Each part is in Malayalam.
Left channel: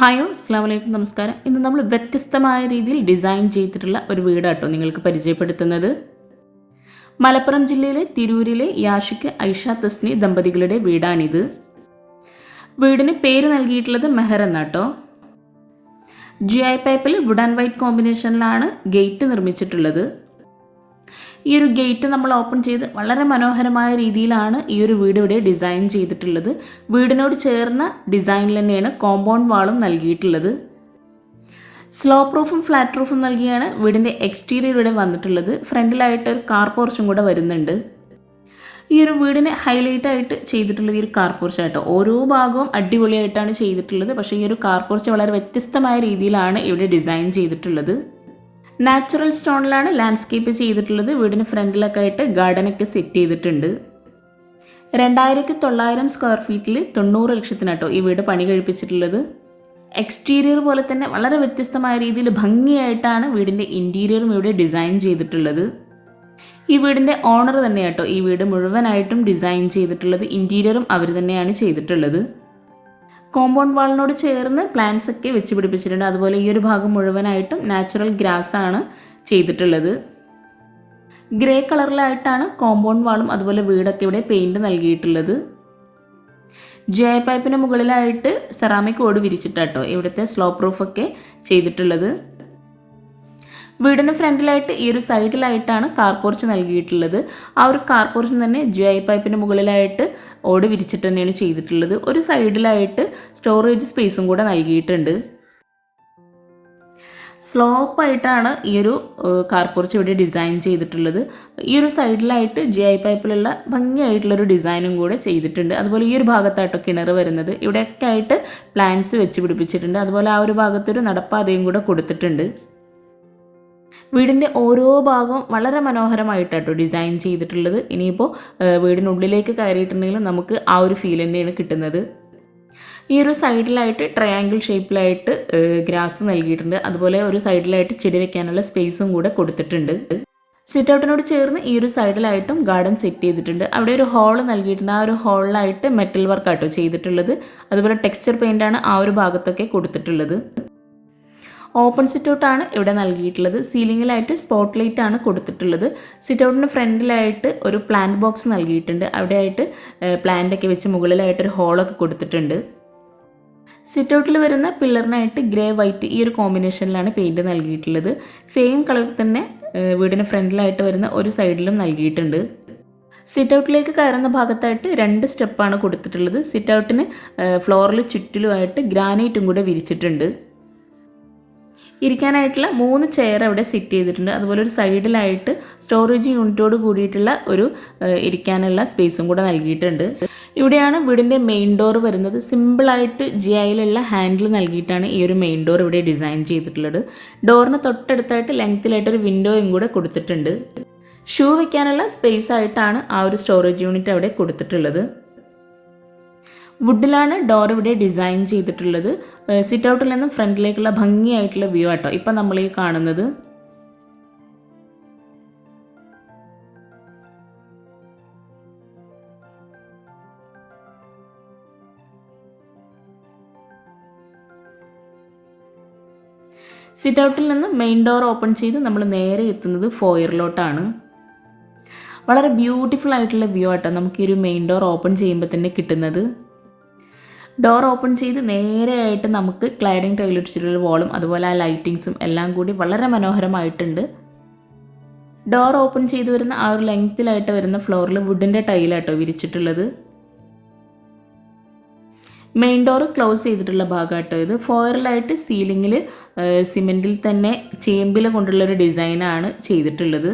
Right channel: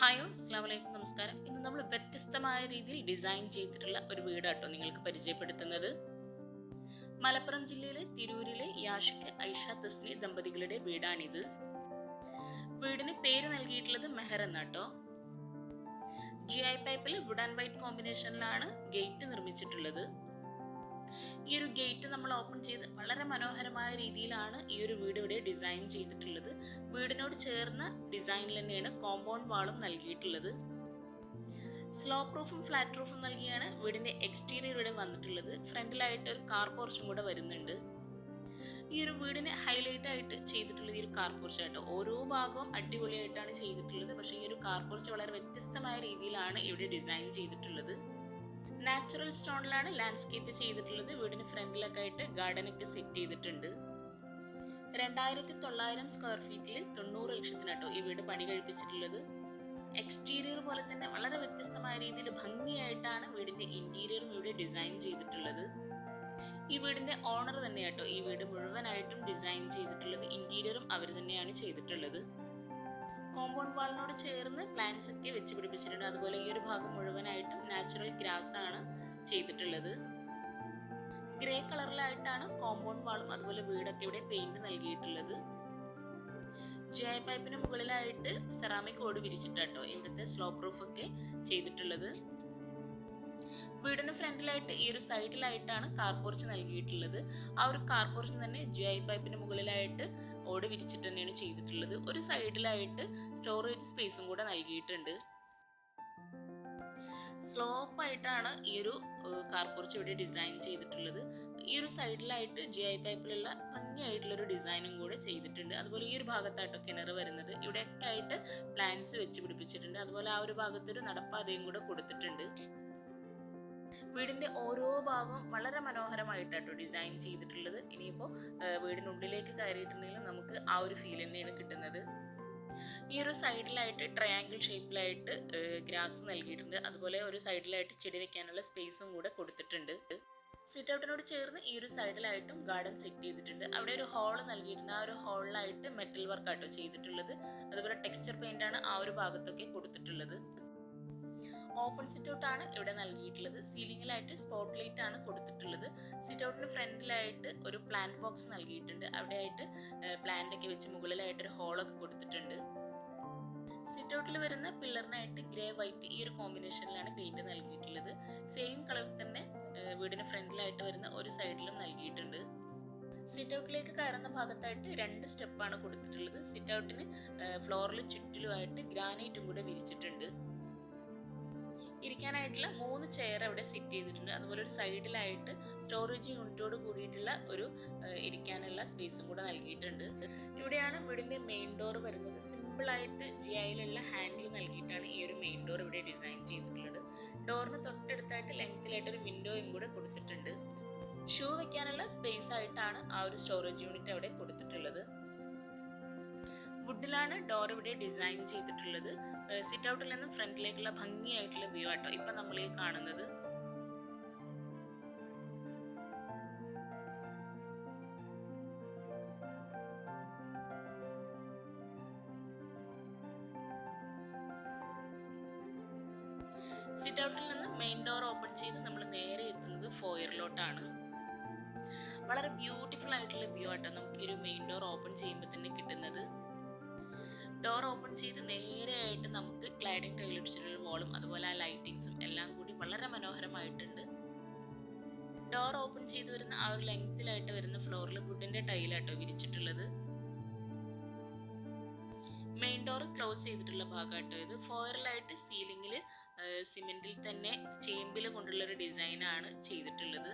ഹായോ അസ്സാം വലൈക്കും നമസ്കാരം. ഇന്ന് നമ്മൾ വ്യത്യസ്തമായ രീതിയിൽ ഡിസൈൻ ചെയ്തിട്ടുള്ള ഒരു വീടാട്ടോ നിങ്ങൾക്ക് പരിചയപ്പെടുത്തുന്നത്. മലപ്പുറം ജില്ലയിലെ തിരൂരിലെ യാഷിക്ക് ഐഷ തസ്നി ദമ്പതികളുടെ വീടാണിത്. വീടിന് പേര് നൽകിയിട്ടുള്ളത് മെഹർ എന്നാട്ടോ. ജി ഐ പൈപ്പിൽ വുഡ് ആൻഡ് വൈറ്റ് കോമ്പിനേഷനിലാണ് ഗേറ്റ് നിർമ്മിച്ചിട്ടുള്ളത്. ഈ ഒരു ഗേറ്റ് നമ്മൾ ഓപ്പൺ ചെയ്ത് വളരെ മനോഹരമായ രീതിയിലാണ് ഈ ഒരു വീട് ഇവിടെ ഡിസൈൻ ചെയ്തിട്ടുള്ളത്. വീടിനോട് ചേർന്ന ഡിസൈനിൽ തന്നെയാണ് കോമ്പൗണ്ട് വാളും നൽകിയിട്ടുള്ളത്. സ്ലോ പ്രൂഫും ഫ്ലാറ്റ് പ്രൂഫും നൽകിയാണ് വീടിന്റെ എക്സ്റ്റീരിയർ ഇവിടെ വന്നിട്ടുള്ളത്. ഫ്രണ്ടിലായിട്ട് ഒരു കാർ പോർച്ചും കൂടെ വരുന്നുണ്ട്. ഈ ഒരു വീടിനെ ഹൈലൈറ്റ് ആയിട്ട് ചെയ്തിട്ടുള്ളത് ഈ ഒരു കാർ പോർച്ചായിട്ടോ ഓരോ ഭാഗവും അടിപൊളിയായിട്ടാണ് ചെയ്തിട്ടുള്ളത്. പക്ഷേ ഈ ഒരു കാർ പോർച്ച് വളരെ വ്യത്യസ്തമായ രീതിയിലാണ് ഇവിടെ ഡിസൈൻ ചെയ്തിട്ടുള്ളത്. നാച്ചുറൽ സ്റ്റോണിലാണ് ലാൻഡ്സ്കേപ്പ് ചെയ്തിട്ടുള്ളത്. വീടിന് ഫ്രണ്ടിലൊക്കെ ആയിട്ട് ഗാർഡനൊക്കെ സെറ്റ് ചെയ്തിട്ടുണ്ട്. രണ്ടായിരത്തി തൊള്ളായിരം സ്ക്വയർ ഫീറ്റിൽ തൊണ്ണൂറ് ലക്ഷത്തിനാട്ടോ ഈ വീട് പണി കഴിപ്പിച്ചിട്ടുള്ളത്. എക്സ്റ്റീരിയർ പോലെ തന്നെ വളരെ വ്യത്യസ്തമായ രീതിയിൽ ഭംഗിയായിട്ടാണ് വീടിന്റെ ഇന്റീരിയറും ഇവിടെ ഡിസൈൻ ചെയ്തിട്ടുള്ളത്. ഈ വീടിന്റെ ഓണർ തന്നെയാട്ടോ ഈ വീട് മുഴുവനായിട്ടും ഡിസൈൻ ചെയ്തിട്ടുള്ളത്. ഇന്റീരിയറും അവർ തന്നെയാണ് ചെയ്തിട്ടുള്ളത്. കോമ്പൗണ്ട് വാളിനോട് ചേർന്ന് പ്ലാന്റ്സ് ഒക്കെ വെച്ച് പിടിപ്പിച്ചിട്ടുണ്ട്. അതുപോലെ ഈ ഒരു ഭാഗം മുഴുവനായിട്ടും നാച്ചുറൽ ഗ്രാസ് ആണ് ചെയ്തിട്ടുള്ളത്. ഗ്രേ കളറിലായിട്ടാണ് കോമ്പൗണ്ട് വാളും അതുപോലെ വീടൊക്കെ ഇവിടെ പെയിന്റ് നൽകിയിട്ടുള്ളത്. ജയ പൈപ്പിന് മുകളിലായിട്ട് സെറാമിക് ഓട് വിരിച്ചിട്ടാട്ടോ ഇവിടുത്തെ സ്ലോ പ്രൂഫൊക്കെ ചെയ്തിട്ടുള്ളത്. വീടിന് ഫ്രണ്ടിലായിട്ട് ഈ ഒരു സൈഡിലായിട്ടാണ് കാർ പോർച്ച് നൽകിയിട്ടുള്ളത്. ആ ഒരു കാർ പോർച്ച് തന്നെ ജി ഐ പൈപ്പിന് മുകളിലായിട്ട് ഓട് വിരിച്ചിട്ട് തന്നെയാണ് ചെയ്തിട്ടുള്ളത്. ഒരു സൈഡിലായിട്ട് സ്റ്റോറേജ് സ്പേസും കൂടെ നൽകിയിട്ടുണ്ട്. സ്ലോപ്പായിട്ടാണ് ഈ ഒരു കാർ പോർച്ച് ഇവിടെ ഡിസൈൻ ചെയ്തിട്ടുള്ളത്. ഈ ഒരു സൈഡിലായിട്ട് ജി ഐ പൈപ്പിലുള്ള ഭംഗിയായിട്ടുള്ളൊരു ഡിസൈനും കൂടെ ചെയ്തിട്ടുണ്ട്. അതുപോലെ ഈ ഒരു ഭാഗത്തായിട്ടോ കിണർ വരുന്നത്. ഇവിടെയൊക്കെ ആയിട്ട് പ്ലാന്റ്സ് വെച്ച് പിടിപ്പിച്ചിട്ടുണ്ട്. അതുപോലെ ആ ഒരു ഭാഗത്തൊരു നടപ്പാതയും കൂടെ കൊടുത്തിട്ടുണ്ട്. വീടിന്റെ ഓരോ ഭാഗവും വളരെ മനോഹരമായിട്ടാട്ടോ ഡിസൈൻ ചെയ്തിട്ടുള്ളത്. ഇനിയിപ്പോൾ വീടിനുള്ളിലേക്ക് കയറിയിട്ടുണ്ടെങ്കിലും നമുക്ക് ആ ഒരു ഫീൽ തന്നെയാണ് കിട്ടുന്നത്. ഈ ഒരു സൈഡിലായിട്ട് ട്രയാങ്കിൾ ഷേപ്പിലായിട്ട് ഗ്രാസ് നൽകിയിട്ടുണ്ട്. അതുപോലെ ഒരു സൈഡിലായിട്ട് ചെടി വെക്കാനുള്ള സ്പേസും കൂടെ കൊടുത്തിട്ടുണ്ട്. സിറ്റ് ഔട്ടിനോട് ചേർന്ന് ഈ ഒരു സൈഡിലായിട്ടും ഗാർഡൻ സെറ്റ് ചെയ്തിട്ടുണ്ട്. അവിടെ ഒരു ഹോൾ നൽകിയിട്ടുണ്ട്. ആ ഒരു ഹോളിലായിട്ട് മെറ്റൽ വർക്കാട്ടോ ചെയ്തിട്ടുള്ളത്. അതുപോലെ ടെക്സ്ചർ പെയിന്റാണ് ആ ഒരു ഭാഗത്തൊക്കെ കൊടുത്തിട്ടുള്ളത്. ഓപ്പൺ സിറ്റൗട്ടാണ് ഇവിടെ നൽകിയിട്ടുള്ളത്. സീലിങ്ങിലായിട്ട് സ്പോട്ട് ലൈറ്റ് ആണ് കൊടുത്തിട്ടുള്ളത്. സിറ്റൗട്ടിന് ഫ്രണ്ടിലായിട്ട് ഒരു പ്ലാന്റ് ബോക്സ് നൽകിയിട്ടുണ്ട്. അവിടെയായിട്ട് പ്ലാന്റൊക്കെ വെച്ച് മുകളിലായിട്ട് ഒരു ഹോളൊക്കെ കൊടുത്തിട്ടുണ്ട്. സിറ്റൗട്ടിൽ വരുന്ന പില്ലറിനായിട്ട് ഗ്രേ വൈറ്റ് ഈ ഒരു കോമ്പിനേഷനിലാണ് പെയിന്റ് നൽകിയിട്ടുള്ളത്. സെയിം കളർ തന്നെ വീടിന് ഫ്രണ്ടിലായിട്ട് വരുന്ന ഒരു സൈഡിലും നൽകിയിട്ടുണ്ട്. സിറ്റൗട്ടിലേക്ക് കയറുന്ന ഭാഗത്തായിട്ട് രണ്ട് സ്റ്റെപ്പാണ് കൊടുത്തിട്ടുള്ളത്. സിറ്റ് ഔട്ടിന് ഫ്ലോറിൽ ചുറ്റിലുമായിട്ട് ഗ്രാനൈറ്റും കൂടെ വിരിച്ചിട്ടുണ്ട്. ഇരിക്കാനായിട്ടുള്ള മൂന്ന് ചെയർ അവിടെ സെറ്റ് ചെയ്തിട്ടുണ്ട്. അതുപോലെ ഒരു സൈഡിലായിട്ട് സ്റ്റോറേജ് യൂണിറ്റോട് കൂടിയിട്ടുള്ള ഒരു ഇരിക്കാനുള്ള സ്പേസും കൂടെ നൽകിയിട്ടുണ്ട്. ഇവിടെയാണ് വീടിന്റെ മെയിൻ ഡോർ വരുന്നത്. സിമ്പിളായിട്ട് ജി ഐയിലുള്ള ഹാൻഡിൽ നൽകിയിട്ടാണ് ഈ ഒരു മെയിൻ ഡോർ ഇവിടെ ഡിസൈൻ ചെയ്തിട്ടുള്ളത്. ഡോറിന് തൊട്ടടുത്തായിട്ട് ലെങ്ത്തിലായിട്ട് ഒരു വിൻഡോയും കൂടെ കൊടുത്തിട്ടുണ്ട്. ഷൂ വെക്കാനുള്ള സ്പേസ് ആയിട്ടാണ് ആ ഒരു സ്റ്റോറേജ് യൂണിറ്റ് അവിടെ കൊടുത്തിട്ടുള്ളത്. വുഡിലാണ് ഡോർ ഇവിടെ ഡിസൈൻ ചെയ്തിട്ടുള്ളത്. സിറ്റ് ഔട്ടിൽ നിന്നും ഫ്രണ്ടിലേക്കുള്ള ഭംഗിയായിട്ടുള്ള വ്യൂ ആട്ടോ. ഇപ്പം നമ്മൾ ഈ കാണുന്നത്. സിറ്റ് ഔട്ടിൽ നിന്ന് മെയിൻ ഡോർ ഓപ്പൺ ചെയ്ത് നമ്മൾ നേരെ എത്തുന്നത് ഫോയറിലോട്ടാണ്. വളരെ ബ്യൂട്ടിഫുൾ ആയിട്ടുള്ള വ്യൂ ആട്ടോ നമുക്ക് ഈ ഒരു മെയിൻ ഡോർ ഓപ്പൺ ചെയ്യുമ്പോൾ തന്നെ കിട്ടുന്നത്. ഡോർ ഓപ്പൺ ചെയ്ത് നേരെയായിട്ട് നമുക്ക് ക്ലൈഡിങ് ടൈലൊടിച്ചിട്ടുള്ള വോളും അതുപോലെ ആ ലൈറ്റിങ്സും എല്ലാം കൂടി വളരെ മനോഹരമായിട്ടുണ്ട്. ഡോർ ഓപ്പൺ ചെയ്ത് വരുന്ന ആ ഒരു ലെങ്ത്തിലായിട്ട് വരുന്ന ഫ്ലോറിൽ വുഡിന്റെ ടൈലാട്ടോ വിരിച്ചിട്ടുള്ളത്. മെയിൻ ഡോർ ക്ലോസ് ചെയ്തിട്ടുള്ള ഭാഗമായിട്ടോ ഇത്. ഫോയറിലായിട്ട് സീലിങ്ങിൽ സിമെന്റിൽ തന്നെ ചേമ്പിൽ കൊണ്ടുള്ളൊരു ഡിസൈനാണ് ചെയ്തിട്ടുള്ളത്.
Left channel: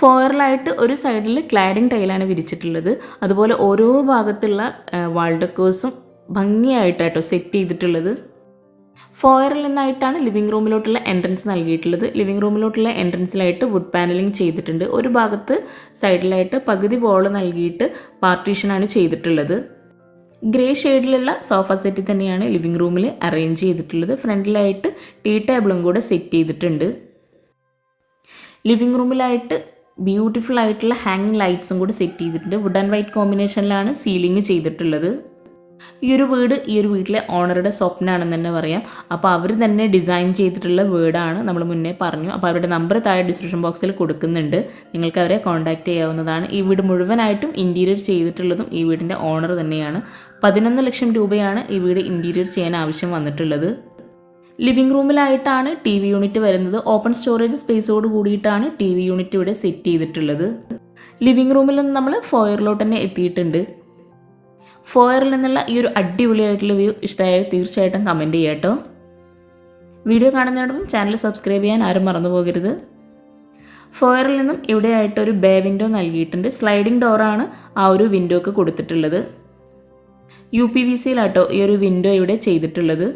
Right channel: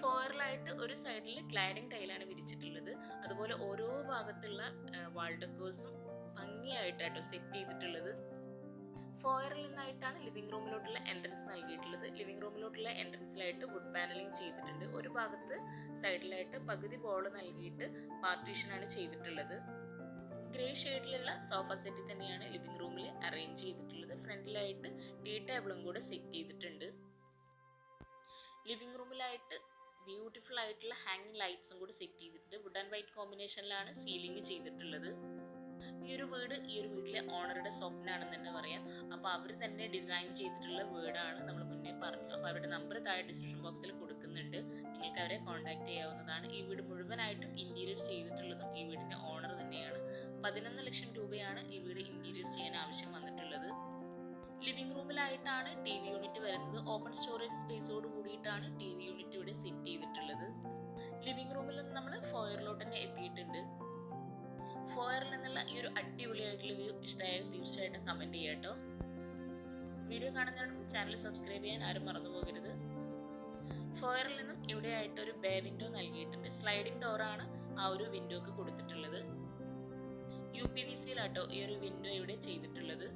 ഫോയറിലായിട്ട് ഒരു സൈഡിൽ ക്ലാഡിങ് ടൈലാണ് വിരിച്ചിട്ടുള്ളത്. അതുപോലെ ഓരോ ഭാഗത്തുള്ള വാൾ ഭംഗിയായിട്ടാട്ടോ സെറ്റ് ചെയ്തിട്ടുള്ളത്. ഫോയറിൽ നിന്നായിട്ടാണ് ലിവിങ് റൂമിലോട്ടുള്ള എൻട്രൻസ് നൽകിയിട്ടുള്ളത്. ലിവിങ് റൂമിലോട്ടുള്ള എൻട്രൻസിലായിട്ട് വുഡ് പാനലിംഗ് ചെയ്തിട്ടുണ്ട്. ഒരു ഭാഗത്ത് സൈഡിലായിട്ട് പകുതി വോൾ നൽകിയിട്ട് പാർട്ടീഷനാണ് ചെയ്തിട്ടുള്ളത്. ഗ്രേ ഷെയ്ഡിലുള്ള സോഫ സെറ്റ് തന്നെയാണ് ലിവിങ് റൂമിൽ അറേഞ്ച് ചെയ്തിട്ടുള്ളത്. ഫ്രണ്ടിലായിട്ട് ടീ ടേബിളും കൂടെ സെറ്റ് ചെയ്തിട്ടുണ്ട്. ലിവിങ് റൂമിലായിട്ട് ബ്യൂട്ടിഫുൾ ആയിട്ടുള്ള ഹാങ്ങിങ് ലൈറ്റ്സും കൂടി സെറ്റ് ചെയ്തിട്ടുണ്ട്. വുഡ് ആൻഡ് വൈറ്റ് കോമ്പിനേഷനിലാണ് സീലിംഗ് ചെയ്തിട്ടുള്ളത്. ഈ ഒരു വീട് ഈ ഒരു വീട്ടിലെ ഓണറുടെ സ്വപ്നമാണെന്ന് തന്നെ പറയാം. അപ്പോൾ അവർ തന്നെ ഡിസൈൻ ചെയ്തിട്ടുള്ള വീടാണ് നമ്മൾ മുന്നേ പറഞ്ഞു. അപ്പോൾ അവരുടെ നമ്പർ താഴെ ഡിസ്ക്രിപ്ഷൻ ബോക്സിൽ കൊടുക്കുന്നുണ്ട്. നിങ്ങൾക്ക് അവരെ കോൺടാക്റ്റ് ചെയ്യാവുന്നതാണ്. ഈ വീട് മുഴുവനായിട്ടും ഇന്റീരിയർ ചെയ്തിട്ടുള്ളതും ഈ വീടിന്റെ ഓണർ തന്നെയാണ്. പതിനൊന്ന് ലക്ഷം രൂപയാണ് ഈ വീട് ഇന്റീരിയർ ചെയ്യാൻ ആവശ്യം വന്നിട്ടുള്ളത്. ലിവിംഗ് റൂമിലായിട്ടാണ് ടി വി യൂണിറ്റ് വരുന്നത്. ഓപ്പൺ സ്റ്റോറേജ് സ്പേസോട് കൂടിയിട്ടാണ് ടി വി യൂണിറ്റ് ഇവിടെ സെറ്റ് ചെയ്തിട്ടുള്ളത്. ലിവിംഗ് റൂമിൽ നിന്ന് നമ്മൾ ഫോയറിലോട്ട് തന്നെ എത്തിയിട്ടുണ്ട്. ഫോയറിൽ നിന്നുള്ള ഈ ഒരു അടിപൊളിയായിട്ടുള്ള വ്യൂ ഇഷ്ടമായ തീർച്ചയായിട്ടും കമന്റ് ചെയ്യാം കേട്ടോ. വീഡിയോ കാണുന്നതിനോടൊപ്പം ചാനൽ സബ്സ്ക്രൈബ് ചെയ്യാൻ ആരും മറന്നു പോകരുത്. ഫോയറിൽ നിന്നും ഇവിടെയായിട്ട് ഒരു ബേ വിൻഡോ നൽകിയിട്ടുണ്ട്. സ്ലൈഡിംഗ് ഡോറാണ് ആ ഒരു വിൻഡോക്ക് കൊടുത്തിട്ടുള്ളത്. യു പി വി സിയിലാട്ടോ ഈ ഒരു വിൻഡോ ഇവിടെ ചെയ്തിട്ടുള്ളത്.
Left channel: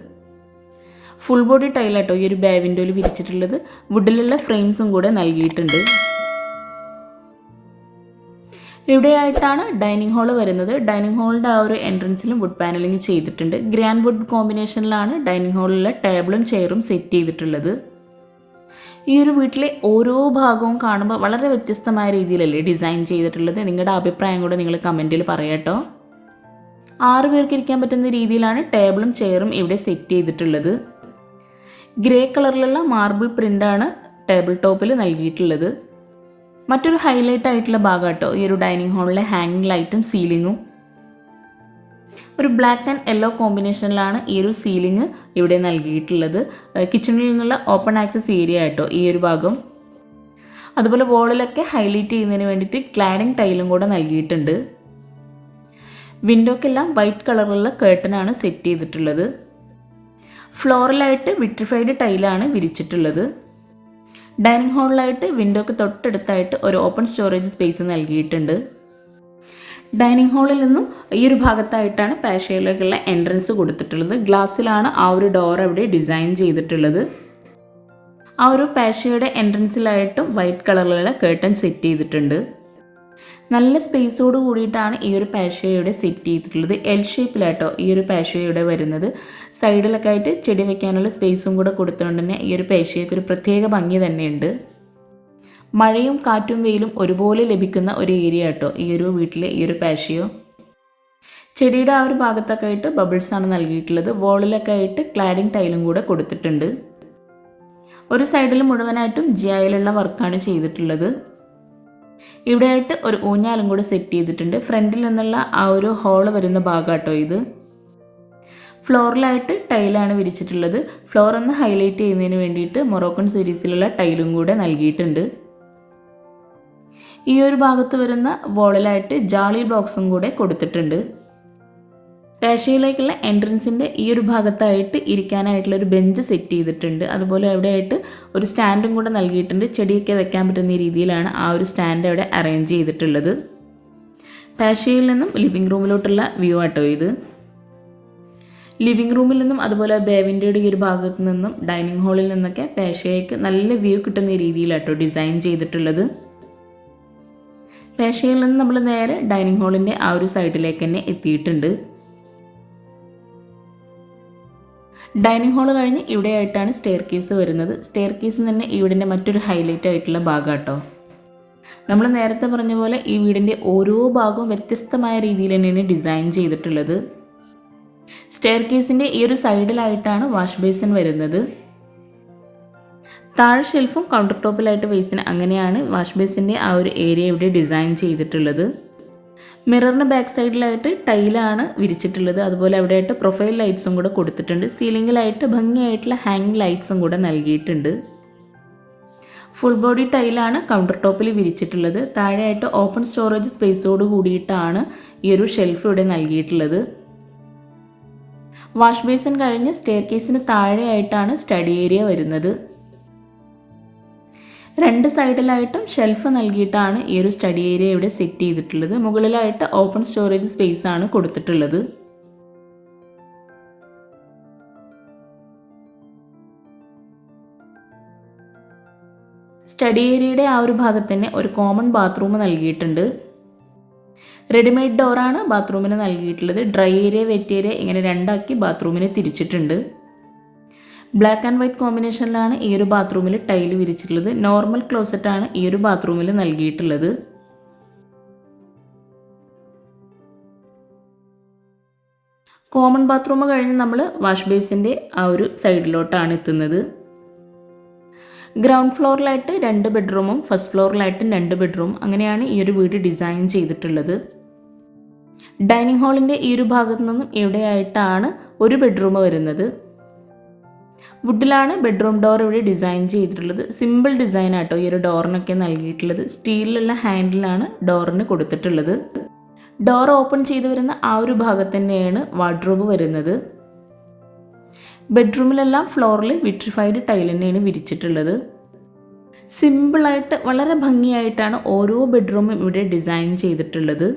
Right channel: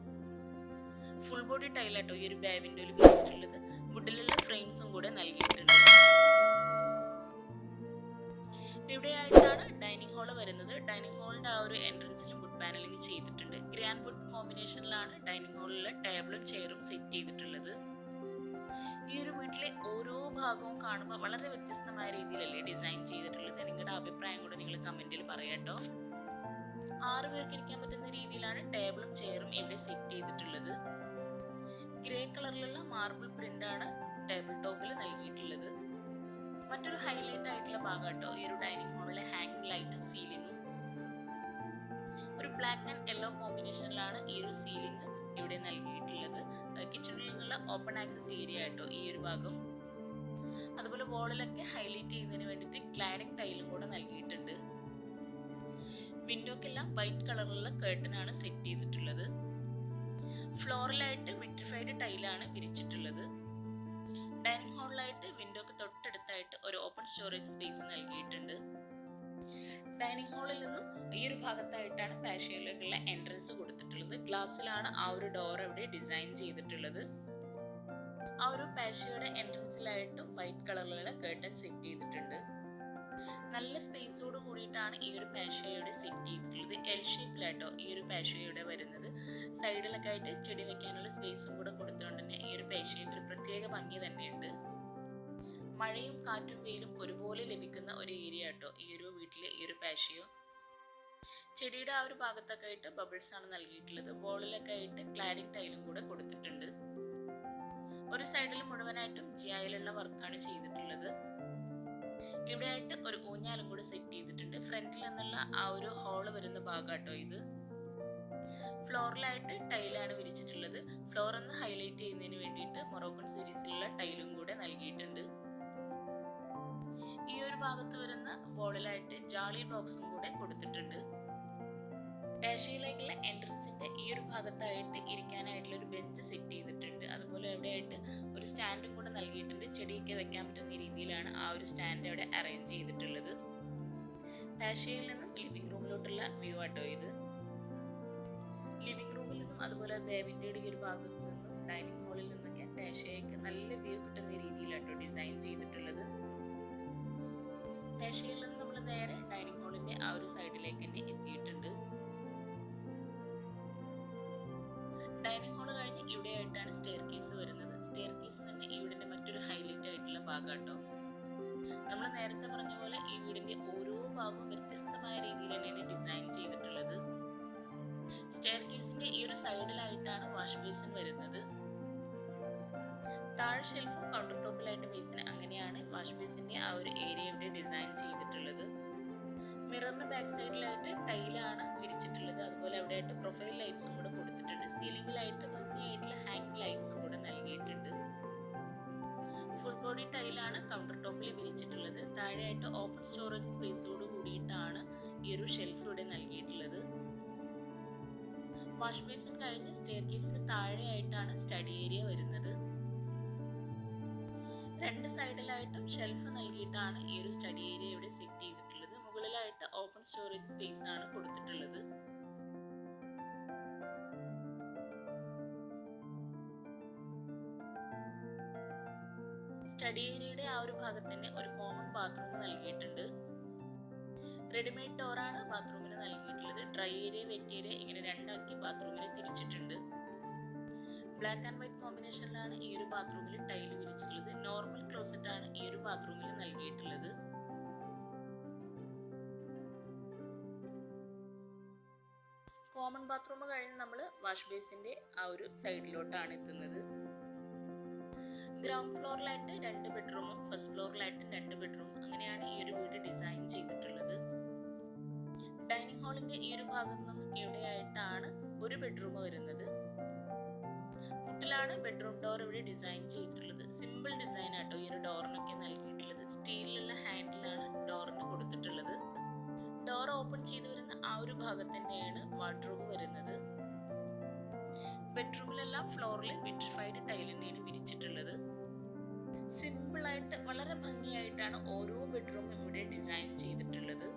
ഫുൾ ബോഡി ടൈലാട്ടോ ഈ ഒരു ബേ വിൻഡോയിൽ വിരിച്ചിട്ടുള്ളത്. വുഡിലുള്ള ഫ്രെയിംസും കൂടെ നൽകിയിട്ടുണ്ട്. ഇവിടെയായിട്ടാണ് ഡൈനിങ് ഹാൾ വരുന്നത്. ഡൈനിങ് ഹാളിന്റെ ആ ഒരു എൻട്രൻസിലും വുഡ് പാനലിംഗ് ചെയ്തിട്ടുണ്ട്. ഗ്രാൻഡ് വുഡ് കോമ്പിനേഷനിലാണ് ഡൈനിങ് ഹാളിലെ ടേബിളും ചെയറും സെറ്റ് ചെയ്തിട്ടുള്ളത്. ഈ ഒരു വീട്ടിലെ ഓരോ ഭാഗവും കാണുമ്പോൾ വളരെ വ്യത്യസ്തമായ രീതിയിലല്ലേ ഡിസൈൻ ചെയ്തിട്ടുള്ളത്? നിങ്ങളുടെ അഭിപ്രായം കൂടെ നിങ്ങൾ കമന്റിൽ പറയട്ടോ ആറ് പേർക്ക് ഇരിക്കാൻ പറ്റുന്ന രീതിയിലാണ് ടേബിളും ചെയറും ഇവിടെ സെറ്റ് ചെയ്തിട്ടുള്ളത്. ഗ്രേ കളറിലുള്ള മാർബിൾ പ്രിന്റാണ് ടേബിൾ ടോപ്പിൽ നൽകിയിട്ടുള്ളത്. മറ്റൊരു ഹൈലൈറ്റ് ആയിട്ടുള്ള ഭാഗം കേട്ടോ ഈ ഒരു ഡൈനിങ് ഹാളിലെ ഹാങ്ങിങ് ലൈറ്റും സീലിങ്ങും ഒരു ബ്ലാക്ക് ആൻഡ് യെല്ലോ കോമ്പിനേഷനിലാണ് ഈ ഒരു സീലിംഗ് ഇവിടെ നൽകിയിട്ടുള്ളത്. കിച്ചണിൽ നിന്നുള്ള ഓപ്പൺ ആക്സസ് ഏരിയ കേട്ടോ ഈ ഒരു ഭാഗം. അതുപോലെ വോളിലൊക്കെ ഹൈലൈറ്റ് ചെയ്യുന്നതിന് വേണ്ടിയിട്ട് ക്ലാഡിങ് ടൈലും കൂടെ നൽകിയിട്ടുണ്ട്. വിൻഡോക്കെല്ലാം വൈറ്റ് കളറിലുള്ള കേട്ടനാണ് സെറ്റ് ചെയ്തിട്ടുള്ളത്. ഫ്ലോറലായിട്ട് വിട്രിഫൈഡ് ടൈലാണ് വിരിച്ചിട്ടുള്ളത്. ഡൈനിങ് ഹാളിലായിട്ട് വിൻഡോക്ക് തൊട്ടടുത്തായിട്ട് ഒരു ഓപ്പൺ സ്റ്റോറേജ് സ്പേസ് നൽകിയിട്ടുണ്ട്. ഡൈനിങ് ഹാളിൽ നിന്നും ഈ ഒരു ഭാഗത്തായിട്ടാണ് പാഷയിലേക്കുള്ള എൻട്രൻസ് കൊടുത്തിട്ടുള്ളത്. ഗ്ലാസ്സിലാണ് ആ ഒരു ഡോർ അവിടെ ഡിസൈൻ ചെയ്തിട്ടുള്ളത്. ആ ഒരു പാഷയുടെ എൻട്രൻസിലായിട്ടും വൈറ്റ് കളറിലുള്ള കേട്ടൺ സെറ്റ് ചെയ്തിട്ടുണ്ട്. നല്ല സ്പേസോട് കൂടിയിട്ടാണ് ഈ ഒരു പാഷയുടെ സെറ്റ് ചെയ്തിട്ടുള്ളത്. എൽ ഷേപ്പിലാട്ടോ ഈ ഒരു പാഷയുടെ വരുന്നത്. സൈഡിലൊക്കെ ആയിട്ട് ചെടി വെക്കാനുള്ള സ്പേസും കൂടെ കൊടുത്തുകൊണ്ട് തന്നെ ഈ ഒരു പേശയൊക്കെ ഒരു പ്രത്യേക ഭംഗി തന്നെയുണ്ട്. മഴയും കാറ്റും വെയിലും ഒരുപോലെ ലഭിക്കുന്ന ഒരു ഏരിയ കേട്ടോ ഈ ഒരു വീട്ടിലെ ഈ ഒരു പാഷയോ ചെടിയുടെ ആ ഒരു ഭാഗത്തൊക്കെ ആയിട്ട് ബബിൾസ് ആണ് നൽകിയിട്ടുള്ളത്. വോളിലൊക്കെ ആയിട്ട് ക്ലാഡിംഗ് ടൈലും കൂടെ കൊടുത്തിട്ടുണ്ട്. ഒരു സൈഡിൽ മുഴുവനായിട്ടും ജിയായിലുള്ള വർക്കാണ് ചെയ്തിട്ടുള്ളത്. ഇവിടെയായിട്ട് ഒരു ഊഞ്ഞാലും കൂടെ സെറ്റ് ചെയ്തിട്ടുണ്ട്. ഫ്രണ്ടിൽ നിന്നുള്ള ആ ഒരു ഹോൾ വരുന്ന ഭാഗമാട്ടോ ഇത്. ഫ്ലോറിലായിട്ട് ടൈലാണ് വിരിച്ചിട്ടുള്ളത്. ഫ്ലോർ ഒന്ന് ഹൈലൈറ്റ് ചെയ്യുന്നതിന് വേണ്ടിയിട്ട് മൊറോക്കൺ സീരീസിലുള്ള ടൈലും കൂടെ നൽകിയിട്ടുണ്ട്. ഈ ഒരു ഭാഗത്ത് വരുന്ന വോളിലായിട്ട് ജാളി ബ്ലോക്സും കൂടെ കൊടുത്തിട്ടുണ്ട്. പേഷയിലേക്കുള്ള എൻട്രൻസിന്റെ ഈ ഒരു ഭാഗത്തായിട്ട് ഇരിക്കാനായിട്ടുള്ള ഒരു ബെഞ്ച് സെറ്റ് ചെയ്തിട്ടുണ്ട്. അതുപോലെ അവിടെയായിട്ട് ഒരു സ്റ്റാൻഡും കൂടെ നൽകിയിട്ടുണ്ട്. ചെടിയൊക്കെ വെക്കാൻ പറ്റുന്ന രീതിയിലാണ് ആ ഒരു സ്റ്റാൻഡ് അവിടെ അറേഞ്ച് ചെയ്തിട്ടുള്ളത്. പേഷയിൽ നിന്നും ലിവിങ് റൂമിലോട്ടുള്ള വ്യൂ ആട്ടോ ഇത്. ലിവിങ് റൂമിൽ നിന്നും അതുപോലെ ബേവിന്റെയുടെ ഈ ഒരു ഭാഗത്ത് നിന്നും ഡൈനിങ് ഹാളിൽ നിന്നൊക്കെ പേഷയ്ക്ക് നല്ല വ്യൂ കിട്ടുന്ന രീതിയിലാട്ടോ ഡിസൈൻ ചെയ്തിട്ടുള്ളത്. പേഷയിൽ നിന്ന് നമ്മൾ നേരെ ഡൈനിങ് ഹാളിന്റെ ആ ഒരു സൈഡിലേക്ക് തന്നെ എത്തിയിട്ടുണ്ട്. ഡൈനിങ് ഹാൾ കഴിഞ്ഞ് ഇവിടെയായിട്ടാണ് സ്റ്റെയർ കേസ് വരുന്നത്. സ്റ്റെയർ കേസ് തന്നെ ഈ വീടിന്റെ മറ്റൊരു ഹൈലൈറ്റ് ആയിട്ടുള്ള ഭാഗം കേട്ടോ നമ്മൾ നേരത്തെ പറഞ്ഞ പോലെ ഈ വീടിന്റെ ഓരോ ഭാഗവും വ്യത്യസ്തമായ രീതിയിൽ തന്നെയാണ് ഡിസൈൻ ചെയ്തിട്ടുള്ളത്. സ്റ്റെയർ കേസിന്റെ ഈ ഒരു സൈഡിലായിട്ടാണ് വാഷ് ബേസിൻ വരുന്നത്. താഴെ ഷെൽഫും കൗണ്ടർ ടോപ്പിലായിട്ട് ബേസിന് അങ്ങനെയാണ് വാഷ് ബേസിന്റെ ആ ഒരു ഏരിയ ഇവിടെ ഡിസൈൻ ചെയ്തിട്ടുള്ളത്. മിററിന് ബാക്ക് സൈഡിലായിട്ട് ടൈലാണ് വിരിച്ചിട്ടുള്ളത്. അതുപോലെ അവിടെയായിട്ട് പ്രൊഫൈൽ ലൈറ്റ്സും കൂടെ കൊടുത്തിട്ടുണ്ട്. സീലിംഗിലായിട്ട് ഭംഗിയായിട്ടുള്ള ഹാങ് ലൈറ്റ്സും കൂടെ നൽകിയിട്ടുണ്ട്. ഫുൾ ബോഡി ടൈലാണ് കൗണ്ടർ ടോപ്പിൽ വിരിച്ചിട്ടുള്ളത്. താഴെയായിട്ട് ഓപ്പൺ സ്റ്റോറേജ് സ്പേസോട് കൂടിയിട്ടാണ് ഈ ഒരു ഷെൽഫ് ഇവിടെ നൽകിയിട്ടുള്ളത്. വാഷ് ബേസിൻ കഴിഞ്ഞ് സ്റ്റെയർ കേസിന് താഴെയായിട്ടാണ് സ്റ്റഡി ഏരിയ വരുന്നത്. രണ്ട് സൈഡിലായിട്ടും ഷെൽഫ് നൽകിയിട്ടാണ് ഈ ഒരു സ്റ്റഡി ഏരിയ ഇവിടെ സെറ്റ് ചെയ്തിട്ടുള്ളത്. മുകളിലായിട്ട് ഓപ്പൺ സ്റ്റോറേജ് സ്പേസ് ആണ് കൊടുത്തിട്ടുള്ളത്. സ്റ്റഡി ഏരിയയുടെ ആ ഒരു ഭാഗത്ത് തന്നെ ഒരു കോമൺ ബാത്റൂം നൽകിയിട്ടുണ്ട്. റെഡിമെയ്ഡ് ഡോറാണ് ബാത്റൂമിന് നൽകിയിട്ടുള്ളത്. ഡ്രൈ ഏരിയ വെറ്റ് ഏരിയ ഇങ്ങനെ രണ്ടാക്കി ബാത്റൂമിനെ തിരിച്ചിട്ടുണ്ട്. ബ്ലാക്ക് ആൻഡ് വൈറ്റ് കോമ്പിനേഷനിലാണ് ഈ ഒരു ബാത്റൂമിൽ ടൈൽ വിരിച്ചിട്ടുള്ളത്. നോർമൽ ക്ലോസറ്റാണ് ഈ ഒരു ബാത്റൂമിൽ നൽകിയിട്ടുള്ളത്. കോമൺ ബാത്റൂം കഴിഞ്ഞ് നമ്മൾ വാഷ് ബേസിന്റെ ആ ഒരു സൈഡിലോട്ടാണ് എത്തുന്നത്. ഗ്രൗണ്ട് ഫ്ലോറിലായിട്ട് രണ്ട് ബെഡ്റൂമും ഫസ്റ്റ് ഫ്ലോറിലായിട്ടും രണ്ട് ബെഡ്റൂം അങ്ങനെയാണ് ഈ ഒരു വീട് ഡിസൈൻ ചെയ്തിട്ടുള്ളത്. ഡൈനിങ് ഹാളിന്റെ ഈ ഒരു ഭാഗത്തു നിന്നും ഇവിടെയായിട്ടാണ് ഒരു ബെഡ്റൂം വരുന്നത്. വുഡിലാണ് ബെഡ്റൂം ഡോർ ഇവിടെ ഡിസൈൻ ചെയ്തിട്ടുള്ളത്. സിമ്പിൾ ഡിസൈൻ ആട്ടോ ഈ ഒരു ഡോറിനൊക്കെ നൽകിയിട്ടുള്ളത്. സ്റ്റീലിലുള്ള ഹാൻഡിലാണ് ഡോറിന് കൊടുത്തിട്ടുള്ളത്. ഡോർ ഓപ്പൺ ചെയ്തു വരുന്ന ആ ഒരു ഭാഗത്ത് തന്നെയാണ് വാർഡ്രോബ് വരുന്നത്. ബെഡ്റൂമിലെല്ലാം ഫ്ലോറിൽ വിട്രിഫൈഡ് ടൈൽ തന്നെയാണ് വിരിച്ചിട്ടുള്ളത്. സിമ്പിളായിട്ട് വളരെ ഭംഗിയായിട്ടാണ് ഓരോ ബെഡ്റൂമും ഇവിടെ ഡിസൈൻ ചെയ്തിട്ടുള്ളത്.